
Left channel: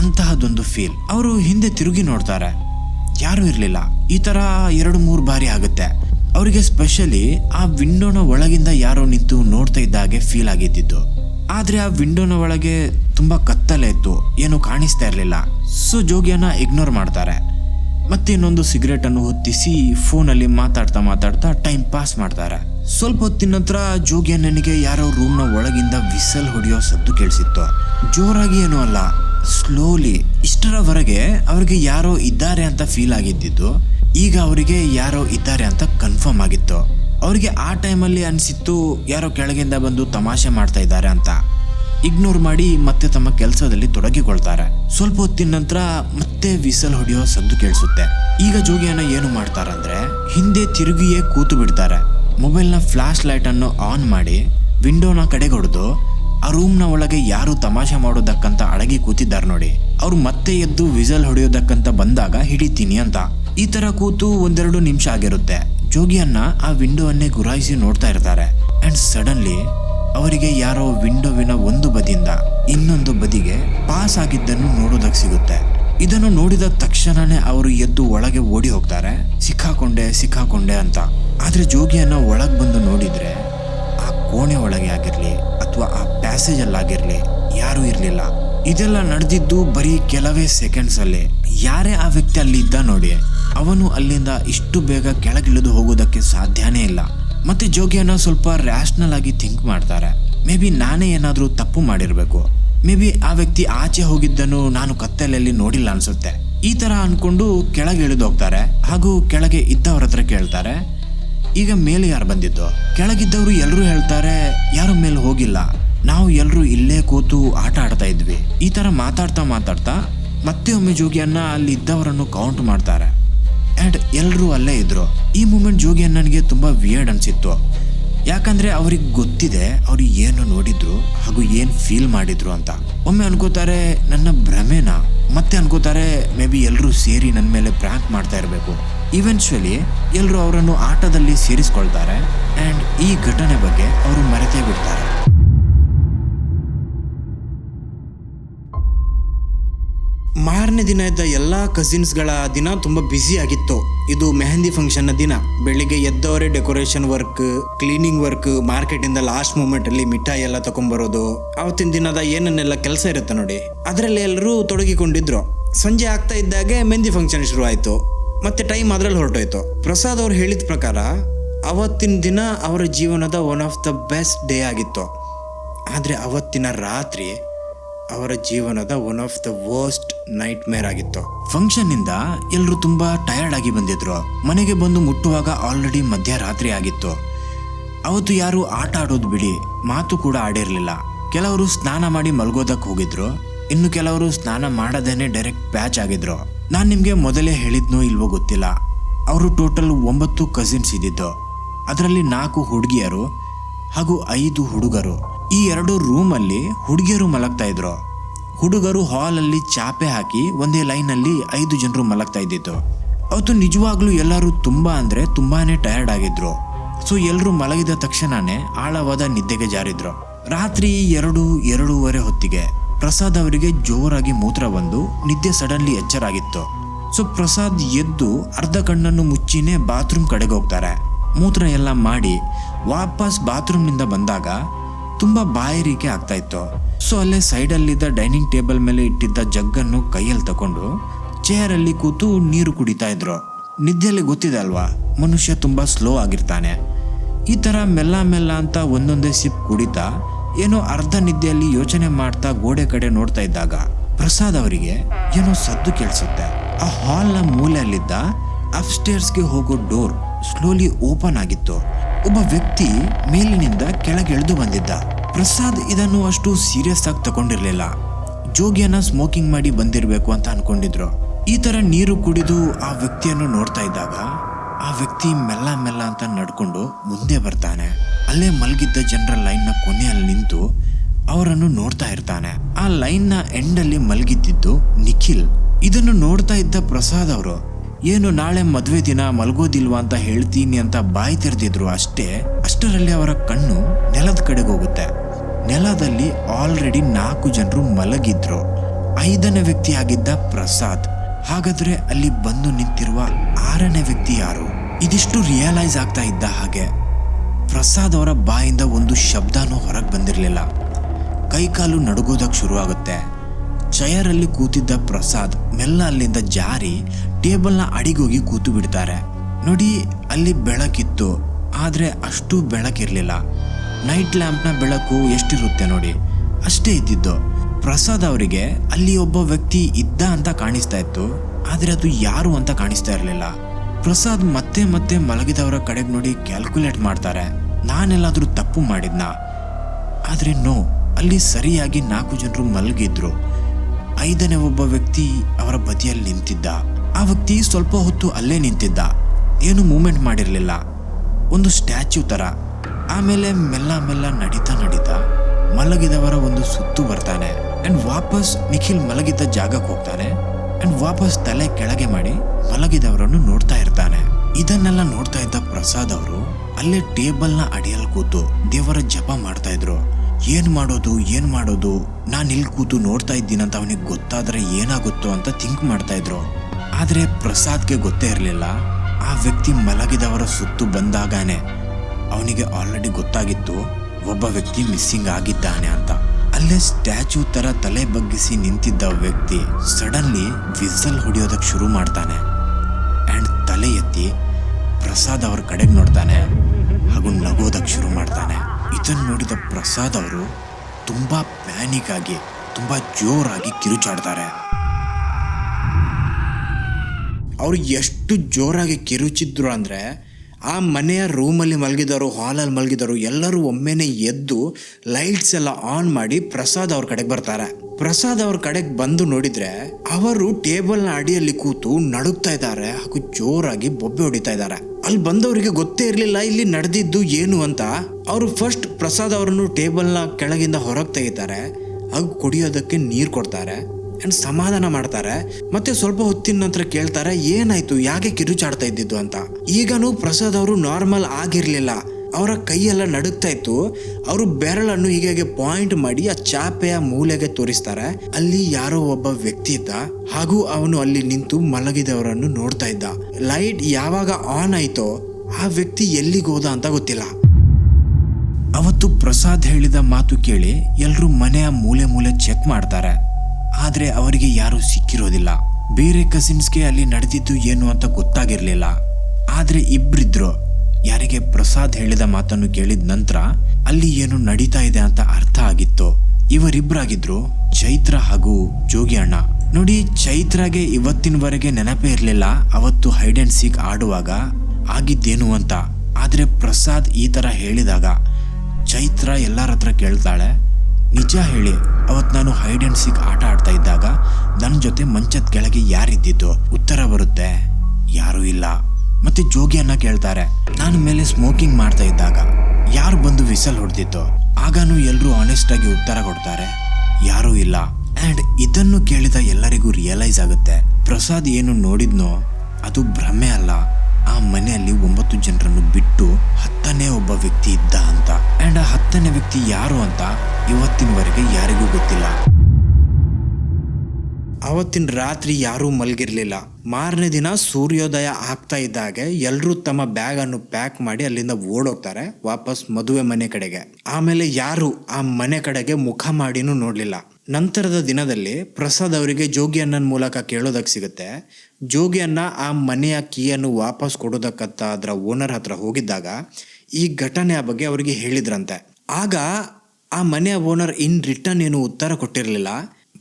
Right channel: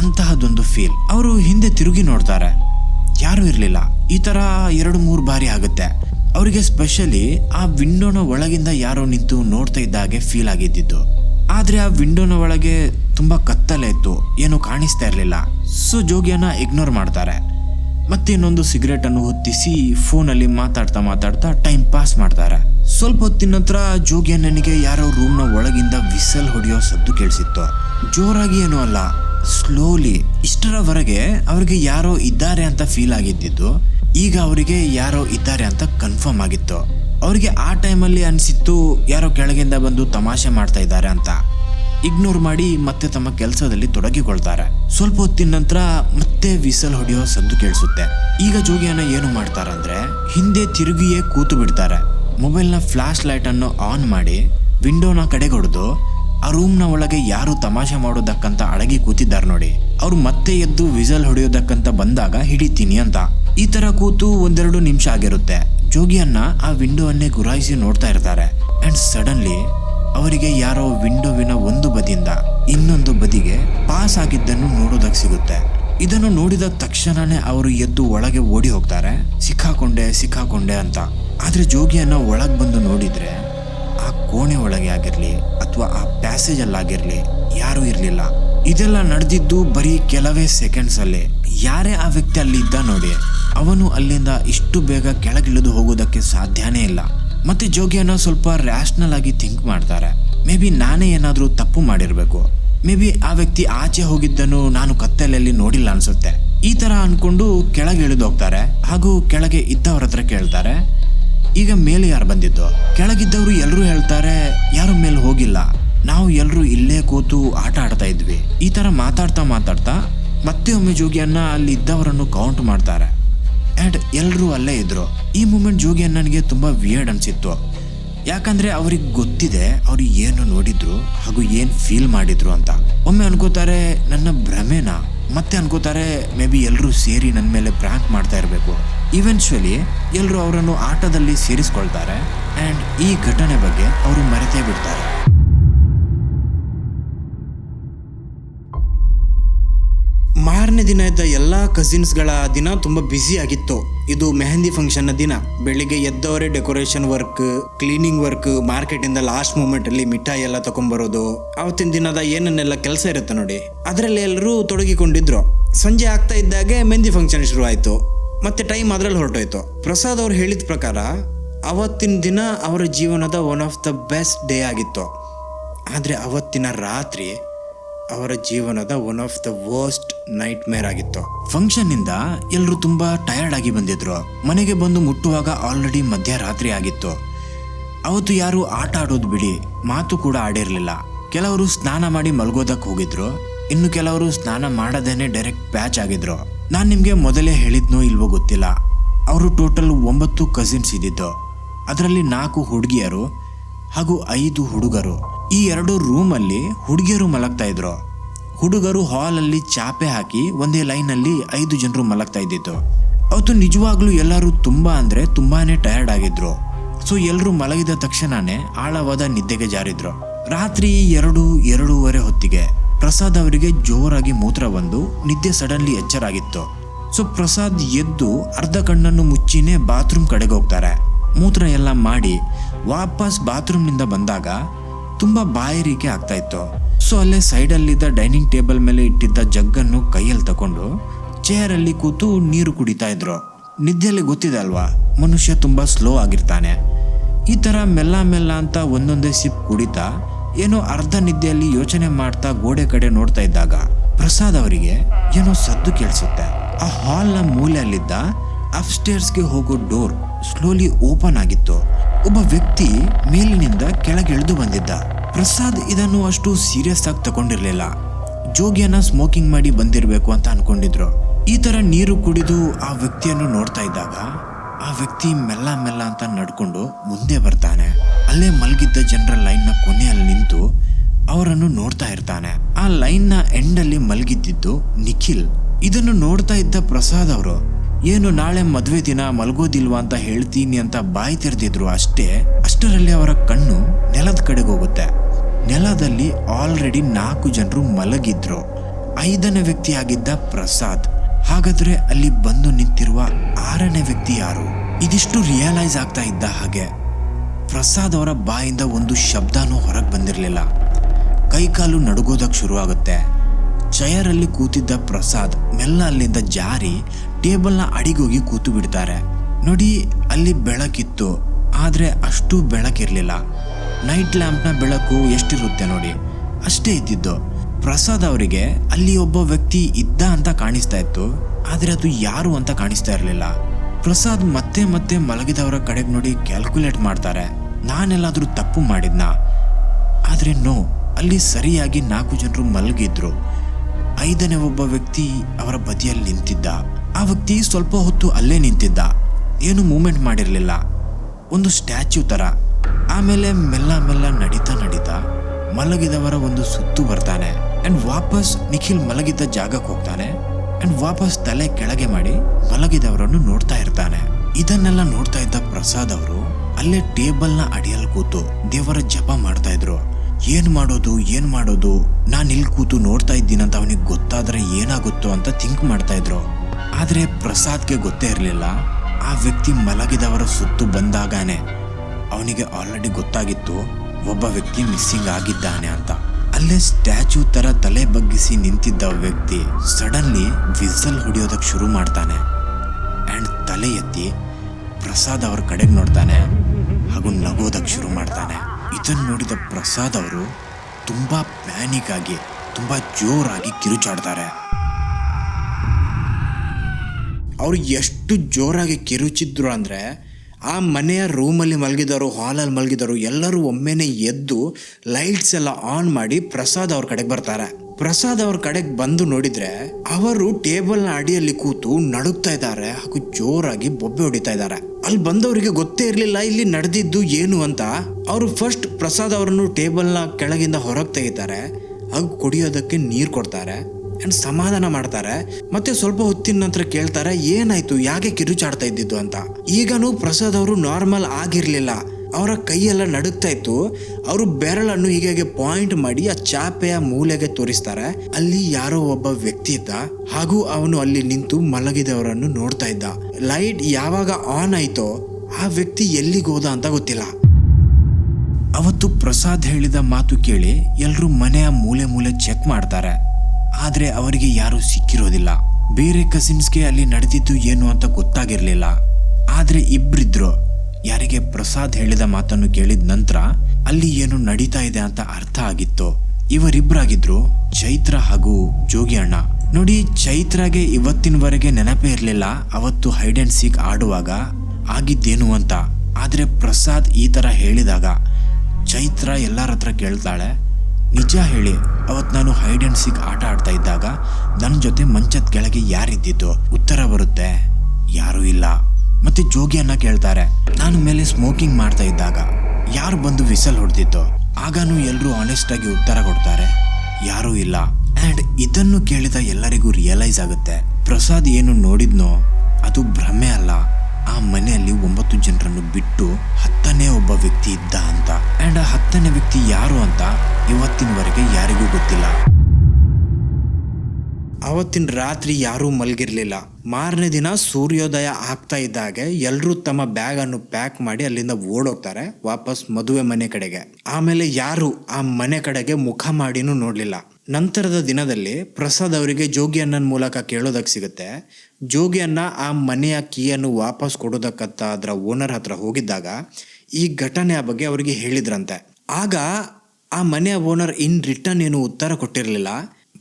ಅಂತಹದೊಂದು ಫೀಲ್. ಅವರು ಹಿಂದೆ ತಿರುಗಿ ನೋಡ್ತಾರೆ, ಯಾರು ಇರ್ಲಿಲ್ಲ. ಈ ತರ 2-3 ಬಾರಿ ಆಗುತ್ತೆ ಅವರಿಗೆ. ಸ್ಪೆಷಲಿ ಆ ವಿಂಡೋನ ಒಳಗಿಂದ ಯಾರೋ ನಿಂತು ನೋಡ್ತಾ ಇದ್ದಾಗೆ ಫೀಲ್ ಆಗಿದ್ದು. ಆದ್ರೆ ಆ ವಿಂಡೋನ ಒಳಗೆ ತುಂಬಾ ಕತ್ತಲೆ ಇತ್ತು, ಏನು ಕಾಣಿಸ್ತಾ ಇರ್ಲಿಲ್ಲ. ಸೊ ಜೋಗಿಯನ್ನ ಇಗ್ನೋರ್ ಮಾಡ್ತಾರೆ. ಮತ್ತೆ ಇನ್ನೊಂದು ಸಿಗರೇಟ್ ಅನ್ನು ಹೊತ್ತಿಸಿ ಫೋನಲ್ಲಿ ಮಾತಾಡ್ತಾ ಟೈಮ್ ಪಾಸ್ ಮಾಡ್ತಾರೆ. ಸ್ವಲ್ಪ ಹೊತ್ತಿನ ನಂತರ ಜೋಗಿ ಅಣ್ಣನಿಗೆ ಯಾರೋ ರೂಮ್ನ ಒಳಗಿಂದ ವಿಸಲ್ ಹೊಡೆಯೋ ಸದ್ದು ಕೇಳಿಸಿತ್ತು. ಜೋರಾಗಿ ಏನೂ ಅಲ್ಲ, ಸ್ಲೋಲಿ. ಇಷ್ಟರವರೆಗೆ ಅವ್ರಿಗೆ ಯಾರೋ ಇದ್ದಾರೆ ಅಂತ ಫೀಲ್ ಆಗಿದ್ದು, ಈಗ ಅವರಿಗೆ ಯಾರೋ ಇದ್ದಾರೆ ಅಂತ ಕನ್ಫರ್ಮ್ ಆಗಿತ್ತು. ಅವರಿಗೆ ಆ ಟೈಮಲ್ಲಿ ಅನಿಸಿತ್ತು ಯಾರೋ ಕೆಳಗಿಂದ ಬಂದು ತಮಾಷೆ ಮಾಡ್ತಾ ಇದ್ದಾರೆ ಅಂತ. ಇಗ್ನೋರ್ ಮಾಡಿ ಮತ್ತೆ ತಮ್ಮ ಕೆಲಸದಲ್ಲಿ ತೊಡಗಿಕೊಳ್ತಾರೆ. ಸ್ವಲ್ಪ ಹೊತ್ತಿನ ನಂತರ ಮತ್ತೆ ವಿಸಲ್ ಹೊಡೆಯೋ ಸದ್ದು ಕೇಳಿಸುತ್ತೆ. ಈಗ ಜೋಗಿಯನ್ನ ಏನು ಮಾಡ್ತಾರಂದ್ರೆ, ಹಿಂದೆ ತಿರುಗಿಯೇ ಕೂತು ಬಿಡ್ತಾರೆ. ಮೊಬೈಲ್ನ ಫ್ಲಾಶ್ ಲೈಟ್ ಅನ್ನು ಆನ್ ಮಾಡಿ ವಿಂಡೋನ ಕಡೆಗೆ ಹೊಡೆದು ಆ ರೂಮ್ನ ಒಳಗೆ ಯಾರು ತಮಾಷೆ ಮಾಡೋದಕ್ಕಂತ ಅಡಗಿ ಕೂತಿದ್ದಾರೆ ನೋಡಿ, ಅವ್ರು ಮತ್ತೆ ಎದ್ದು ವಿಸಲ್ ಹೊಡೆಯೋದಕ್ಕಂತ ಬಂದಾಗ ಹಿಡಿತೀನಿ ಅಂತ. ಈ ತರ ಕೂತು 1-2 ನಿಮಿಷ ಆಗಿರುತ್ತೆ. ಜೋಗಿಯನ್ನ ಆ ವಿಂಡೋವನ್ನೇ ಗುರಾಯಿಸಿ ನೋಡ್ತಾ ಇರ್ತಾರೆ. ಅಂಡ್ ಸಡನ್ಲಿ ಅವರಿಗೆ ಯಾರೋ ವಿಂಡೋವಿನ ಒಂದು ಬದಿಯಿಂದ ಇನ್ನೊಂದು ಬದಿಗೆ ಪಾಸ್ ಆಗಿದ್ದನ್ನು ನೋಡೋದಕ್ಕೆ ಸಿಗುತ್ತೆ. ಇದನ್ನು ನೋಡಿದ ತಕ್ಷಣನೇ ಅವರು ಎದ್ದು ಒಳಗೆ ಓಡಿ ಹೋಗ್ತಾರೆ, ಸಿಕ್ಕಾಕೊಂಡೆ ಅಂತ. ಆದ್ರೆ ಜೋಗಿಯನ್ನ ಒಳಗೆ ಬಂದು ನೋಡಿದ್ರೆ ಆ ಕೋಣೆ ಒಳಗೆ ಆಗಿರ್ಲಿ ಅಥವಾ ಆ ಪ್ಯಾಸೇಜ್ ಅಲ್ಲಾಗಿರ್ಲಿ ಯಾರೂ ಇರ್ಲಿಲ್ಲ. ಇದೆಲ್ಲ ನಡೆದಿದ್ದು ಬರೀ ಕೆಲವೇ ಸೆಕೆಂಡ್ಸ್ ಅಲ್ಲಿ. ಯಾರೇ ಆ ವ್ಯಕ್ತಿ ಅಲ್ಲಿ ಇದ್ದ ನೋಡಿ, ಅವನು ಅಲ್ಲಿಂದ ಇಷ್ಟು ಬೇಗ ಕೆಳಗಿಳಿದು ಹೋಗೋದಕ್ಕೆ ಸಾಧ್ಯನೇ ಇಲ್ಲ. ಮತ್ತೆ ಜೋಗಿಯನ್ನ ಸ್ವಲ್ಪ ರ್ಯಾಷನಲ್ ಆಗಿ ಥಿಂಕ್ ಮಾಡ್ತಾರೆ. ಮೇ ಬಿ ನಾನೇ ಏನಾದ್ರೂ ತಪ್ಪು ಮಾಡಿರ್ಬೇಕು, ಮೇ ಬಿ ಆ ವ್ಯಕ್ತಿ ಆಚೆ ಹೋಗಿದ್ದನ್ನು ನಾನು ಕತ್ತಲೆಯಲ್ಲಿ ನೋಡಿಲ್ಲ ಅನ್ಸುತ್ತೆ. ಈ ತರ ಅನ್ಕೊಂಡು ಕೆಳಗೆ ಇಳಿದು ಹೋಗ್ತಾರೆ ಹಾಗೂ ಕೆಳಗೆ ಇದ್ದವ್ರ ಹತ್ರ ಕೇಳ್ತಾರೆ, ಈಗ ಮೇಲೆ ಯಾರು ಬಂದಿದ್ದು? ಕೆಳಗಿದ್ದವರು ಎಲ್ಲರೂ ಹೇಳ್ತಾರೆ, ಯಾರು ಮೇಲೆ ಹೋಗಿಲ್ಲ, ನಾವು ಎಲ್ಲರೂ ಇಲ್ಲೇ ಕೂತು ಆಟ ಆಡ್ತಾ ಇದ್ವಿ. ಈ ತರ ಮಾತಾಡ್ತಾ ಮತ್ತೆ ಒಮ್ಮೆ ಜೋಗಿಯನ್ನ ಅಲ್ಲಿ ಇದ್ದವರನ್ನು ಕೌಂಟ್ ಮಾಡ್ತಾರೆ. ಅಂಡ್ ಎಲ್ಲರೂ ಅಲ್ಲೇ ಇದ್ರು. ಈ ಮೂಮೆಂಟ್ ಜೋಗಿ ಅಣ್ಣನಿಗೆ ತುಂಬಾ ವಿಯರ್ಡ್ ಅನ್ಸಿತ್ತು. ಯಾಕಂದ್ರೆ ಅವ್ರಿಗೆ ಗೊತ್ತಿದೆ ಅವ್ರು ಏನು ನೋಡಿದ್ರು ಹಾಗೂ ಏನ್ ಫೀಲ್ ಮಾಡಿದ್ರು ಅಂತ. ಒಮ್ಮೆ ಅನ್ಕೋತಾರೆ, ನನ್ನ ಭ್ರಮೆನ ಮತ್ತೆ ಅನ್ಕೋತಾರೆ ಮೇ ಬಿ ಎಲ್ಲರೂ ಸೇರಿ ನನ್ನ ಮೇಲೆ ಪ್ರ್ಯಾಂಕ್ ಮಾಡ್ತಾ ಇರಬೇಕು. ಇವೆನ್ಚುಯಲಿ ಎಲ್ಲರೂ ಅವರನ್ನು ಆಟದಲ್ಲಿ ಸೇರಿಸ್ಕೊಳ್ತಾರೆ ಆ್ಯಂಡ್ ಈ ಘಟನೆ ಬಗ್ಗೆ ಅವರು ಮರೆತೇ ಬಿಡ್ತಾರೆ. ಮಾರನೇ ದಿನ ಇದ್ದ ಎಲ್ಲ ಕಸಿನ್ಸ್ಗಳ ದಿನ ತುಂಬ ಬ್ಯುಸಿ ಆಗಿತ್ತು. ಇದು ಮೆಹಂದಿ ಫಂಕ್ಷನ್ನ ದಿನ. ಬೆಳಿಗ್ಗೆ ಎದ್ದವರೇ ಡೆಕೋರೇಷನ್ ವರ್ಕ್, ಕ್ಲೀನಿಂಗ್ ವರ್ಕ್, ಮಾರ್ಕೆಟಿಂದ ಲಾಸ್ಟ್ ಮೂಮೆಂಟಲ್ಲಿ ಮಿಠಾಯಿ ಎಲ್ಲ ತಗೊಂಡ್ಬರೋದು, ಅವತ್ತಿನ ದಿನದ ಏನನ್ನೆಲ್ಲ ಕೆಲಸ ಇರುತ್ತೆ ನೋಡಿ, ಅದರಲ್ಲಿ ಎಲ್ಲರೂ ತೊಡಗಿಕೊಂಡಿದ್ರು. ಸಂಜೆ ಆಗ್ತಾ ಇದ್ದಾಗೆ ಮೆಹಂದಿ ಫಂಕ್ಷನ್ ಶುರು ಆಯಿತು. ಮತ್ತೆ ಟೈಮ್ ಅದರಲ್ಲಿ ಹೊರಟೋಯ್ತು. ಪ್ರಸಾದ್ ಅವ್ರು ಹೇಳಿದ ಪ್ರಕಾರ ಅವತ್ತಿನ ದಿನ ಅವರ ಜೀವನದ one of the best day ಆಗಿತ್ತು. ಆದರೆ ಅವತ್ತಿನ ರಾತ್ರಿ ಅವರ ಜೀವನದ one of the worst night ಮೇರ್ ಆಗಿತ್ತು. ಫಂಕ್ಷನ್ನಿಂದ ಎಲ್ಲರೂ ತುಂಬ ಟಯರ್ಡ್ ಆಗಿ ಬಂದಿದ್ರು. ಮನೆಗೆ ಬಂದು ಮುಟ್ಟುವಾಗ ಆಲ್ರೆಡಿ ಮಧ್ಯರಾತ್ರಿ ಆಗಿತ್ತು. ಅವತ್ತು ಯಾರು ಆಟ ಆಡೋದು ಬಿಡಿ, ಮಾತು ಕೂಡ ಆಡಿರಲಿಲ್ಲ. ಕೆಲವರು ಸ್ನಾನ ಮಾಡಿ ಮಲ್ಗೋದಕ್ಕೆ ಹೋಗಿದ್ರು, ಇನ್ನು ಕೆಲವರು ಸ್ನಾನ ಮಾಡದೇನೆ ಡೈರೆಕ್ಟ್ ಪ್ಯಾಚ್ ಆಗಿದ್ರು. ನಾನು ನಿಮಗೆ ಮೊದಲೇ ಹೇಳಿದ್ನೋ ಇಲ್ವೋ ಗೊತ್ತಿಲ್ಲ, ಅವರು ಟೋಟಲ್ 9 ಕಸಿನ್ಸ್ ಇದ್ದಿದ್ದು. ಅದರಲ್ಲಿ 4 ಹುಡುಗಿಯರು ಹಾಗೂ 5 ಹುಡುಗರು. ಈ 2 ರೂಮಲ್ಲಿ ಹುಡುಗಿಯರು ಮಲಗ್ತಾ ಇದ್ರು. ಹುಡುಗರು ಹಾಲಲ್ಲಿ ಚಾಪೆ ಹಾಕಿ ಒಂದೇ ಲೈನಲ್ಲಿ 5 ಜನರು ಮಲಗ್ತಾ ಇದ್ದಿದ್ದು. ಅವತ್ತು ನಿಜವಾಗ್ಲೂ ಎಲ್ಲರೂ ತುಂಬಾನೇ ಟಯರ್ಡ್ ಆಗಿದ್ರು. ಸೊ ಎಲ್ಲರೂ ಮಲಗಿದ ತಕ್ಷಣನೇ ಆಳವಾದ ನಿದ್ದೆಗೆ ಜಾರಿದ್ರು. ರಾತ್ರಿ 2-2:30 ಹೊತ್ತಿಗೆ ಪ್ರಸಾದ್ ಅವರಿಗೆ ಜೋರಾಗಿ ಮೂತ್ರ ಬಂದು ನಿದ್ದೆ ಸಡನ್ಲಿ ಎಚ್ಚರಾಗಿತ್ತು. ಸೊ ಪ್ರಸಾದ್ ಎದ್ದು ಅರ್ಧ ಕಣ್ಣನ್ನು ಮುಚ್ಚಿನೇ ಬಾತ್ರೂಮ್ ಕಡೆಗೆ ಹೋಗ್ತಾರೆ. ಮೂತ್ರ ಎಲ್ಲ ಮಾಡಿ ವಾಪಸ್ ಬಾತ್ರೂಮ್ನಿಂದ ಬಂದಾಗ ತುಂಬ ಬಾಯಾರಿಕೆ ಆಗ್ತಾ ಇತ್ತು. ಸೊ ಅಲ್ಲೇ ಸೈಡಲ್ಲಿದ್ದ ಡೈನಿಂಗ್ ಟೇಬಲ್ ಮೇಲೆ ಇಟ್ಟಿದ್ದ ಜಗ್ಗನ್ನು ಕೈಯಲ್ಲಿ ತಗೊಂಡು ಚೇರಲ್ಲಿ ಕೂತು ನೀರು ಕುಡಿತಾ ಇದ್ರು. ನಿದ್ದೆಯಲ್ಲಿ ಗೊತ್ತಿದೆ ಅಲ್ವಾ, ಮನುಷ್ಯ ತುಂಬ ಸ್ಲೋ ಆಗಿರ್ತಾನೆ. ಈ ಥರ ಮೆಲ್ಲ ಅಂತ ಒಂದೊಂದೇ ಸಿಪ್ ಕುಡಿತಾ ಏನೋ ಅರ್ಧ ನಿದ್ದೆಯಲ್ಲಿ ಯೋಚನೆ ಮಾಡ್ತಾ ಗೋಡೆ ಕಡೆ ನೋಡ್ತಾ ಇದ್ದಾಗ ಪ್ರಸಾದ್ ಅವರಿಗೆ ಏನೋ ಸದ್ದು ಕೇಳಿಸುತ್ತೆ. ಆ ಹಾಲ್ನ ಮೂಲೆಯಲ್ಲಿದ್ದ ಅಪ್ಸ್ಟೇರ್ಸ್ಗೆ ಹೋಗೋ ಡೋರ್ ಸ್ಲೋಲಿ ಓಪನ್ ಆಗಿತ್ತು. ಒಬ್ಬ ವ್ಯಕ್ತಿ ಮೇಲಿನಿಂದ ಕೆಳಗೆ ಇಳಿದು ಬಂದಿದ್ದ. ಪ್ರಸಾದ್ ಇದನ್ನು ಅಷ್ಟು ಸೀರಿಯಸ್ ಆಗಿ ತಗೊಂಡಿರ್ಲಿಲ್ಲ. ಜೋಗಿಯನ್ನ ಸ್ಮೋಕಿಂಗ್ ಮಾಡಿ ಬಂದಿರಬೇಕು ಅಂತ ಅನ್ಕೊಂಡಿದ್ರು. ಈ ತರ ನೀರು ಕುಡಿದು ಆ ವ್ಯಕ್ತಿಯನ್ನು ನೋಡ್ತಾ ಇದ್ದಾಗ ಆ ವ್ಯಕ್ತಿ ಮೆಲ್ಲ ಅಂತ ನಡ್ಕೊಂಡು ಮುಂದೆ ಬರ್ತಾನೆ. ಅಲ್ಲೇ ಮಲಗಿದ್ದ ಜನರ ಲೈನ್ನ ಕೊನೆಯಲ್ಲಿ ನಿಂತು ಅವರನ್ನು ನೋಡ್ತಾ ಇರ್ತಾನೆ. ಆ ಲೈನ್ನ ಎಂಡಲ್ಲಿ ಮಲಗಿದ್ದಿದ್ದು ನಿಖಿಲ್. ಇದನ್ನು ನೋಡ್ತಾ ಇದ್ದ ಪ್ರಸಾದ್ ಅವರು ಏನು ನಾಳೆ ಮದುವೆ ದಿನ ಮಲಗೋದಿಲ್ವಾ ಅಂತ ಹೇಳ್ತೀನಿ ಅಂತ ಬಾಯಿ ತೆರೆದಿದ್ರು. ಅಷ್ಟರಲ್ಲಿ ಅವರ ಕಣ್ಣು ನೆಲದ ಕಡೆಗೆ ಹೋಗುತ್ತೆ. ನೆಲದಲ್ಲಿ ಆಲ್ರೆಡಿ 4 ಜನರು ಮಲಗಿದ್ರು. 5ನೇ ವ್ಯಕ್ತಿಯಾಗಿದ್ದ ಪ್ರಸಾದ್. ಹಾಗಾದ್ರೆ ಅಲ್ಲಿ ಬಂದು ನಿಂತಿರುವ 6ನೇ ವ್ಯಕ್ತಿ ಯಾರು? ಇದಿಷ್ಟು ರಿಯಲೈಸ್ ಆಗ್ತಾ ಇದ್ದ ಹಾಗೆ ಪ್ರಸಾದ್ ಅವರ ಬಾಯಿಂದ ಒಂದು ಶಬ್ದನೂ ಹೊರಗೆ ಬಂದಿರಲಿಲ್ಲ. ಕೈಕಾಲು ನಡುಗೋದಕ್ಕೆ ಶುರು ಆಗುತ್ತೆ. ಚೇರಲ್ಲಿ ಕೂತಿದ್ದ ಪ್ರಸಾದ್ ಮೆಲ್ಲ ಅಲ್ಲಿಂದ ಜಾರಿ ಟೇಬಲ್ನ ಅಡಿಗೋಗಿ ಕೂತು ಬಿಡ್ತಾರೆ. ನೋಡಿ, ಅಲ್ಲಿ ಬೆಳಕಿತ್ತು, ಆದರೆ ಅಷ್ಟು ಬೆಳಕಿರಲಿಲ್ಲ. ನೈಟ್ ಲ್ಯಾಂಪ್ನ ಬೆಳಕು ಎಷ್ಟಿರುತ್ತೆ ನೋಡಿ, ಅಷ್ಟೇ ಇದ್ದಿದ್ದು. ಪ್ರಸಾದ್ ಅವರಿಗೆ ಅಲ್ಲಿ ಒಬ್ಬ ವ್ಯಕ್ತಿ ಇದ್ದ ಅಂತ ಕಾಣಿಸ್ತಾ ಇತ್ತು, ಆದರೆ ಅದು ಯಾರು ಅಂತ ಕಾಣಿಸ್ತಾ ಇರಲಿಲ್ಲ. ಪ್ರಸಾದ್ ಮತ್ತೆ ಮಲಗಿದವರ ಕಡೆಗೆ ನೋಡಿ ಕ್ಯಾಲ್ಕುಲೇಟ್ ಮಾಡ್ತಾರೆ, ನಾನೆಲ್ಲಾದರೂ ತಪ್ಪು ಮಾಡಿದ್ನಾ? ಆದರೆ ನೋ, ಅಲ್ಲಿ ಸರಿಯಾಗಿ 4 ಜನರು ಮಲಗಿದ್ರು. 5ನೇ ಒಬ್ಬ ವ್ಯಕ್ತಿ ಅವರ ಬದಿಯಲ್ಲಿ ನಿಂತಿದ್ದ. ಆ ವ್ಯಕ್ತಿ ಸ್ವಲ್ಪ ಹೊತ್ತು ಅಲ್ಲೇ ನಿಂತಿದ್ದ, ಏನು ಮೂವ್ಮೆಂಟ್ ಮಾಡಿರಲಿಲ್ಲ, ಒಂದು ಸ್ಟ್ಯಾಚ್ಯೂ ಥರ. ಆಮೇಲೆ ಮೆಲ್ಲ ನಡೀತಾ ಮಲಗಿದವರ ಒಂದು ಸುತ್ತು ಬರ್ತಾನೆ ಆ್ಯಂಡ್ ವಾಪಸ್ ನಿಖಿಲ್ ಮಲಗಿದ್ದ ಜಾಗಕ್ಕೆ ಹೋಗ್ತಾನೆ ಆ್ಯಂಡ್ ವಾಪಸ್ ತಲೆ ಕೆಳಗೆ ಮಾಡಿ ಮಲಗಿದವರನ್ನು ನೋಡ್ತಾ ಇರ್ತಾನೆ. ಇದನ್ನೆಲ್ಲ ನೋಡ್ತಾ ಇದ್ದ ಪ್ರಸಾದ್ ಅವರು ಅಲ್ಲೇ ಟೇಬಲ್ನ ಅಡಿಯಲ್ಲಿ ಕೂತು ದೇವರ ಜಪ ಮಾಡ್ತಾ ಇದ್ರು. ಏನ್ ಮಾಡೋದು, ನಾನು ಇಲ್ಲಿ ಕೂತು ನೋಡ್ತಾ ಇದ್ದೀನಂತ ಅವನಿಗೆ ಗೊತ್ತಾದ್ರೆ ಏನಾಗುತ್ತೋ ಅಂತ ಥಿಂಕ್ ಮಾಡ್ತಾ ಇದ್ರು. ಆದ್ರೆ ಪ್ರಸಾದ್ಗೆ ಗೊತ್ತೇ ಇರಲಿಲ್ಲ, ಆ ವ್ಯಕ್ತಿ ಮಲಗಿದವರ ಸುತ್ತು ಬಂದಾಗಾನೆ ಅವನಿಗೆ ಆಲ್ರೆಡಿ ಗೊತ್ತಾಗಿತ್ತು ಒಬ್ಬ ವ್ಯಕ್ತಿ ಮಿಸ್ಸಿಂಗ್ ಆಗಿದ್ದಾನೆ ಅಂತ. ಅಲ್ಲೇ ಸ್ಟ್ಯಾಚ್ಯೂ ತರ ತಲೆ ಬಗ್ಗಿಸಿ ನಿಂತಿದ್ದ ವ್ಯಕ್ತಿ ಸಡನ್ಲಿ ವಿಸಲ್ ಹೊಡಿಯೋದಕ್ಕೆ ಶುರು ಮಾಡ್ತಾನೆ ಆ್ಯಂಡ್ ತಲೆ ಎತ್ತಿ ಪ್ರಸಾದ್ ಅವ್ರ ಕಡೆಗೆ ನೋಡ್ತಾನೆ ಹಾಗೂ ನಗೋದಕ್ಕೆ ಶುರು ಮಾಡ್ತಾನೆ. ಇದನ್ನು ನೋಡಿದ ಪ್ರಸಾದ್ ಅವರು ತುಂಬಾ ಪ್ಯಾನಿಕ್ ಆಗಿ ತುಂಬಾ ಜೋರಾಗಿ ಕಿರುಚಾಡ್ತಾರೆ. ಅವರು ಎಷ್ಟು ಜೋರಾಗಿ ಕಿರುಚಿದ್ರು ಅಂದರೆ ಆ ಮನೆಯ ರೂಮಲ್ಲಿ ಮಲಗಿದವರು, ಹಾಲಲ್ಲಿ ಮಲಗಿದವರು ಎಲ್ಲರೂ ಒಮ್ಮೆನೆ ಎದ್ದು ಲೈಟ್ಸ್ ಎಲ್ಲ ಆನ್ ಮಾಡಿ ಪ್ರಸಾದ್ ಅವ್ರ ಕಡೆಗೆ ಬರ್ತಾರೆ. ಪ್ರಸಾದ್ ಅವ್ರ ಕಡೆಗೆ ಬಂದು ನೋಡಿದ್ರೆ ಅವರು ಟೇಬಲ್ನ ಅಡಿಯಲ್ಲಿ ಕೂತು ನಡುಗ್ತಾ ಇದ್ದಾರೆ ಹಾಗೂ ಜೋರಾಗಿ ಬೊಬ್ಬೆ ಹೊಡಿತಾ ಇದ್ದಾರೆ. ಅಲ್ಲಿ ಬಂದವರಿಗೆ ಗೊತ್ತೇ ಇರಲಿಲ್ಲ ಇಲ್ಲಿ ನಡೆದಿದ್ದು ಏನು ಅಂತ. ಅವರು ಫಸ್ಟ್ ಪ್ರಸಾದ್ ಅವರನ್ನು ಟೇಬಲ್ನ ಕೆಳಗಿಂದ ಹೊರಗೆ ತೆಗಿತಾರೆ ಹಾಗೂ ಕುಡಿಯೋದಕ್ಕೆ ನೀರು ಕೊಡ್ತಾರೆ ಆ್ಯಂಡ್ ಸಮಾಧಾನ ಮಾಡ್ತಾರೆ. ಮತ್ತೆ ಸ್ವಲ್ಪ ಹೊತ್ತಿನ ನಂತರ ಕೇಳ್ತಾರೆ ಏನಾಯ್ತು, ಯಾಕೆ ಕಿರುಚಾಡ್ತಾ ಇದ್ದಿದ್ದು ಅಂತ. ಈಗನೂ ಪ್ರಸಾದ್ ಅವರು ನಾರ್ಮಲ್ ಆಗಿರಲಿಲ್ಲ. ಅವರ ಕೈಯೆಲ್ಲ ನಡುಗ್ತಾ ಇತ್ತು. ಅವರು ಬೆರಳನ್ನು ಹೀಗೆ ಪಾಯಿಂಟ್ ಮಾಡಿ ಆ ಚಾಪೆಯ ಮೂಲೆಗೆ ತೋರಿಸ್ತಾರೆ. ಅಲ್ಲಿ ಯಾರೋ ಒಬ್ಬ ವ್ಯಕ್ತಿ ಇದ್ದ ಹಾಗೂ ಅವನು ಅಲ್ಲಿ ನಿಂತು ಮಲಗಿದವರನ್ನು ನೋಡ್ತಾ ಇದ್ದ. ಲೈಟ್ ಯಾವಾಗ ಆನ್ ಆಯ್ತೋ ಆ ವ್ಯಕ್ತಿ ಎಲ್ಲಿಗೆ ಹೋದ ಅಂತ ಗೊತ್ತಿಲ್ಲ. ಅವತ್ತು ಪ್ರಸಾದ್ ಹೇಳಿದ ಮಾತು ಕೇಳಿ ಎಲ್ಲರೂ ಮನೆಯ ಮೂಲೆ ಚೆಕ್ ಮಾಡ್ತಾರೆ. ಆದರೆ ಅವರಿಗೆ ಯಾರೂ ಸಿಕ್ಕಿರೋದಿಲ್ಲ. ಬೇರೆ ಕಸಿನ್ಸ್ಗೆ ಅಲ್ಲಿ ನಡೆದಿದ್ದು ಏನು ಅಂತ ಗೊತ್ತಾಗಿರಲಿಲ್ಲ. ಆದರೆ ಇಬ್ಬರಿದ್ರು ಯಾರಿಗೆ ಪ್ರಸಾದ್ ಹೇಳಿದ ಮಾತನ್ನು ಕೇಳಿದ ನಂತರ ಅಲ್ಲಿ ಏನು ನಡೀತಾ ಇದೆ ಅಂತ ಅರ್ಥ ಆಗಿತ್ತು. ಇವರಿಬ್ಬರಾಗಿದ್ರು ಚೈತ್ರ ಹಾಗೂ ಜೋಗಿ ಅಣ್ಣ. ನೋಡಿ, ಚೈತ್ರಾಗೆ ಇವತ್ತಿನವರೆಗೆ ನೆನಪೇ ಇರಲಿಲ್ಲ ಅವತ್ತು ಹೈಡ್ ಆ್ಯಂಡ್ ಸೀಕ್ ಆಡುವಾಗ ಆಗಿದ್ದೇನು ಅಂತ. ಆದರೆ ಪ್ರಸಾದ್ ಈ ಥರ ಹೇಳಿದಾಗ ಚೈತ್ರ ಎಲ್ಲರ ಹತ್ರ ಕೇಳ್ತಾಳೆ, ನಿಜ ಹೇಳಿ, ಅವತ್ತು ನಾನು ಹೈಡ್ ಆ್ಯಂಡ್ ಸೀಕ್ ಆಟ ಆಡ್ತಾ ಇದ್ದಾಗ ನನ್ನ ಜೊತೆ ಮಂಚದ ಕೆಳಗೆ ಯಾರಿದ್ದಿದ್ದು? ಉತ್ತರ ಬರುತ್ತೆ, ಯಾರೂ ಇಲ್ಲ. ಮತ್ತೆ ಜೋಗಿಯನ್ನ ಕೇಳ್ತಾರೆ, ನಾನು ಮೇಲೆ ಸ್ಮೋಕಿಂಗ್ ಮಾಡ್ತಾ ಇದ್ದಾಗ ಯಾರು ಬಂದು ವಿಸಲ್ ಹೊಡೆದಿತ್ತು? ಆಗಾನು ಎಲ್ಲರೂ ಆನೆಸ್ಟ್ ಆಗಿ ಉತ್ತರ ಕೊಡ್ತಾರೆ, ಯಾರೂ ಇಲ್ಲ. ಆ್ಯಂಡ್ ಇದನ್ನು ಕೇಳಿದ ಎಲ್ಲರಿಗೂ ರಿಯಲೈಸ್ ಆಗುತ್ತೆ, ಪ್ರಸಾದ್ ಏನು ನೋಡಿದ್ನೋ ಅದು ಭ್ರಮೆ ಅಲ್ಲ. ಆ ಮನೆಯಲ್ಲಿ 9 ಜನರನ್ನು ಬಿಟ್ಟು 10ನೇ ಒಬ್ಬ ವ್ಯಕ್ತಿ ಇದ್ದ ಅಂತ. ಆ್ಯಂಡ್ ಆ 10ನೇ ವ್ಯಕ್ತಿ ಯಾರು ಅಂತ ಇವತ್ತಿನವರೆಗೆ ಯಾರಿಗೂ ಗೊತ್ತಿಲ್ಲ. ಅವತ್ತಿನ ರಾತ್ರಿ ಯಾರೂ ಮಲಗಿರ್ಲಿಲ್ಲ. ಮಾರನೇ ದಿನ ಸೂರ್ಯೋದಯ ಆಗ್ತಾ ಇದ್ದಾಗೆ ಎಲ್ಲರೂ ತಮ್ಮ ಬ್ಯಾಗ್ ಅನ್ನು ಪ್ಯಾಕ್ ಮಾಡಿ ಅಲ್ಲಿಂದ ಓಡೋಗ್ತಾರೆ ವಾಪಸ್ ಮದುವೆ ಮನೆ ಕಡೆಗೆ. ಆಮೇಲೆ ಯಾರು ಆ ಮನೆ ಕಡೆಗೆ ಮುಖ ಮಾಡಿನೂ ನೋಡ್ಲಿಲ್ಲ. ನಂತರದ ದಿನದಲ್ಲಿ ಪ್ರಸಾದ್ ಅವರಿಗೆ ಜೋಗಿ ಅಣ್ಣನ ಮೂಲಕ ಕೇಳೋದಕ್ಕೆ ಸಿಗುತ್ತೆ. ಜೋಗಿ ಅಣ್ಣ ಆ ಮನೆಯ ಕೀಯನ್ನು ವಾಪಸ್ ಕೊಡೋದಕ್ಕಂತ ಅದರ ಓನರ್ ಹತ್ರ ಹೋಗಿದ್ದಾಗ ಈ ಘಟನೆಯ ಬಗ್ಗೆ ಅವರಿಗೆ ಹೇಳಿದ್ರಂತೆ. ಆಗ ಆ ಮನೆಯ ಓನರ್ ಇನ್ ರಿಟರ್ನ್ ಏನು ಉತ್ತರ ಕೊಟ್ಟಿರಲಿಲ್ಲ.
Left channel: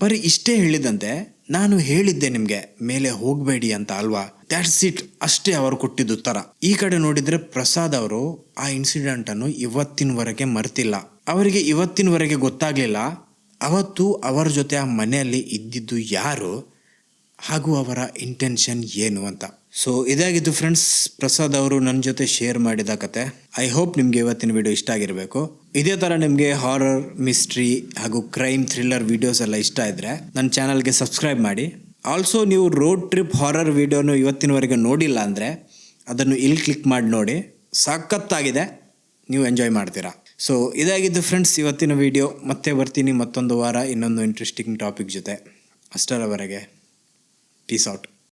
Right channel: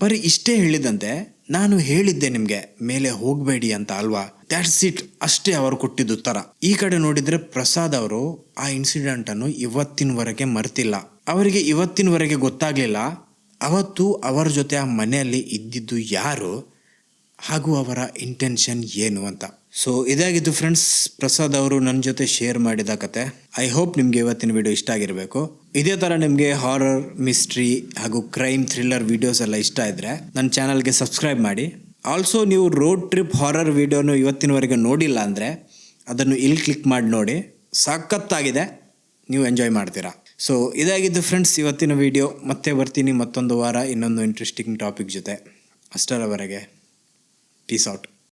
ಬರೀ ಇಷ್ಟೇ ಹೇಳಿದಂತೆ, ನಾನು ಹೇಳಿದ್ದೆ ನಿಮಗೆ ಮೇಲೆ ಹೋಗಬೇಡಿ ಅಂತ ಅಲ್ವಾ, ದ್ಯಾಟ್ಸ್ ಇಟ್, ಅಷ್ಟೇ ಅವರು ಕೊಟ್ಟಿದ್ದ ಉತ್ತರ. ಈ ಕಡೆ ನೋಡಿದರೆ ಪ್ರಸಾದ್ ಅವರು ಆ ಇನ್ಸಿಡೆಂಟನ್ನು ಇವತ್ತಿನವರೆಗೆ ಮರ್ತಿಲ್ಲ. ಅವರಿಗೆ ಇವತ್ತಿನವರೆಗೆ ಗೊತ್ತಾಗಲಿಲ್ಲ ಅವತ್ತು ಅವರ ಜೊತೆ ಆ ಮನೆಯಲ್ಲಿ ಇದ್ದಿದ್ದು ಯಾರು ಹಾಗೂ ಅವರ ಇಂಟೆನ್ಷನ್ ಏನು ಅಂತ. ಸೊ ಇದಾಗಿದ್ದು ಫ್ರೆಂಡ್ಸ್, ಪ್ರಸಾದ್ ಅವರು ನನ್ನ ಜೊತೆ ಶೇರ್ ಮಾಡಿದ ಕತೆ. ಐ ಹೋಪ್ ನಿಮಗೆ ಇವತ್ತಿನ ವಿಡಿಯೋ ಇಷ್ಟ ಆಗಿರಬೇಕು. ಇದೇ ಥರ ನಿಮಗೆ ಹಾರರ್, ಮಿಸ್ಟ್ರಿ ಹಾಗೂ ಕ್ರೈಮ್, ಥ್ರಿಲ್ಲರ್ ವಿಡಿಯೋಸ್ ಎಲ್ಲ ಇಷ್ಟ ಇದ್ದರೆ ನನ್ನ ಚಾನಲ್ಗೆ ಸಬ್ಸ್ಕ್ರೈಬ್ ಮಾಡಿ. ಆಲ್ಸೋ ನೀವು ರೋಡ್ ಟ್ರಿಪ್ ಹಾರರ್ ವಿಡಿಯೋನು ಇವತ್ತಿನವರೆಗೆ ನೋಡಿಲ್ಲ ಅಂದರೆ ಅದನ್ನು ಇಲ್ಲಿ ಕ್ಲಿಕ್ ಮಾಡಿ ನೋಡಿ, ಸಖತ್ತಾಗಿದೆ, ನೀವು ಎಂಜಾಯ್ ಮಾಡ್ತೀರಾ. ಸೊ ಇದಾಗಿದ್ದು ಫ್ರೆಂಡ್ಸ್ ಇವತ್ತಿನ ವಿಡಿಯೋ. ಮತ್ತೆ ಬರ್ತೀನಿ ಮತ್ತೊಂದು ವಾರ ಇನ್ನೊಂದು ಇಂಟ್ರೆಸ್ಟಿಂಗ್ ಟಾಪಿಕ್ ಜೊತೆ. ಅಷ್ಟರವರೆಗೆ ಪೀಸ್ ಔಟ್.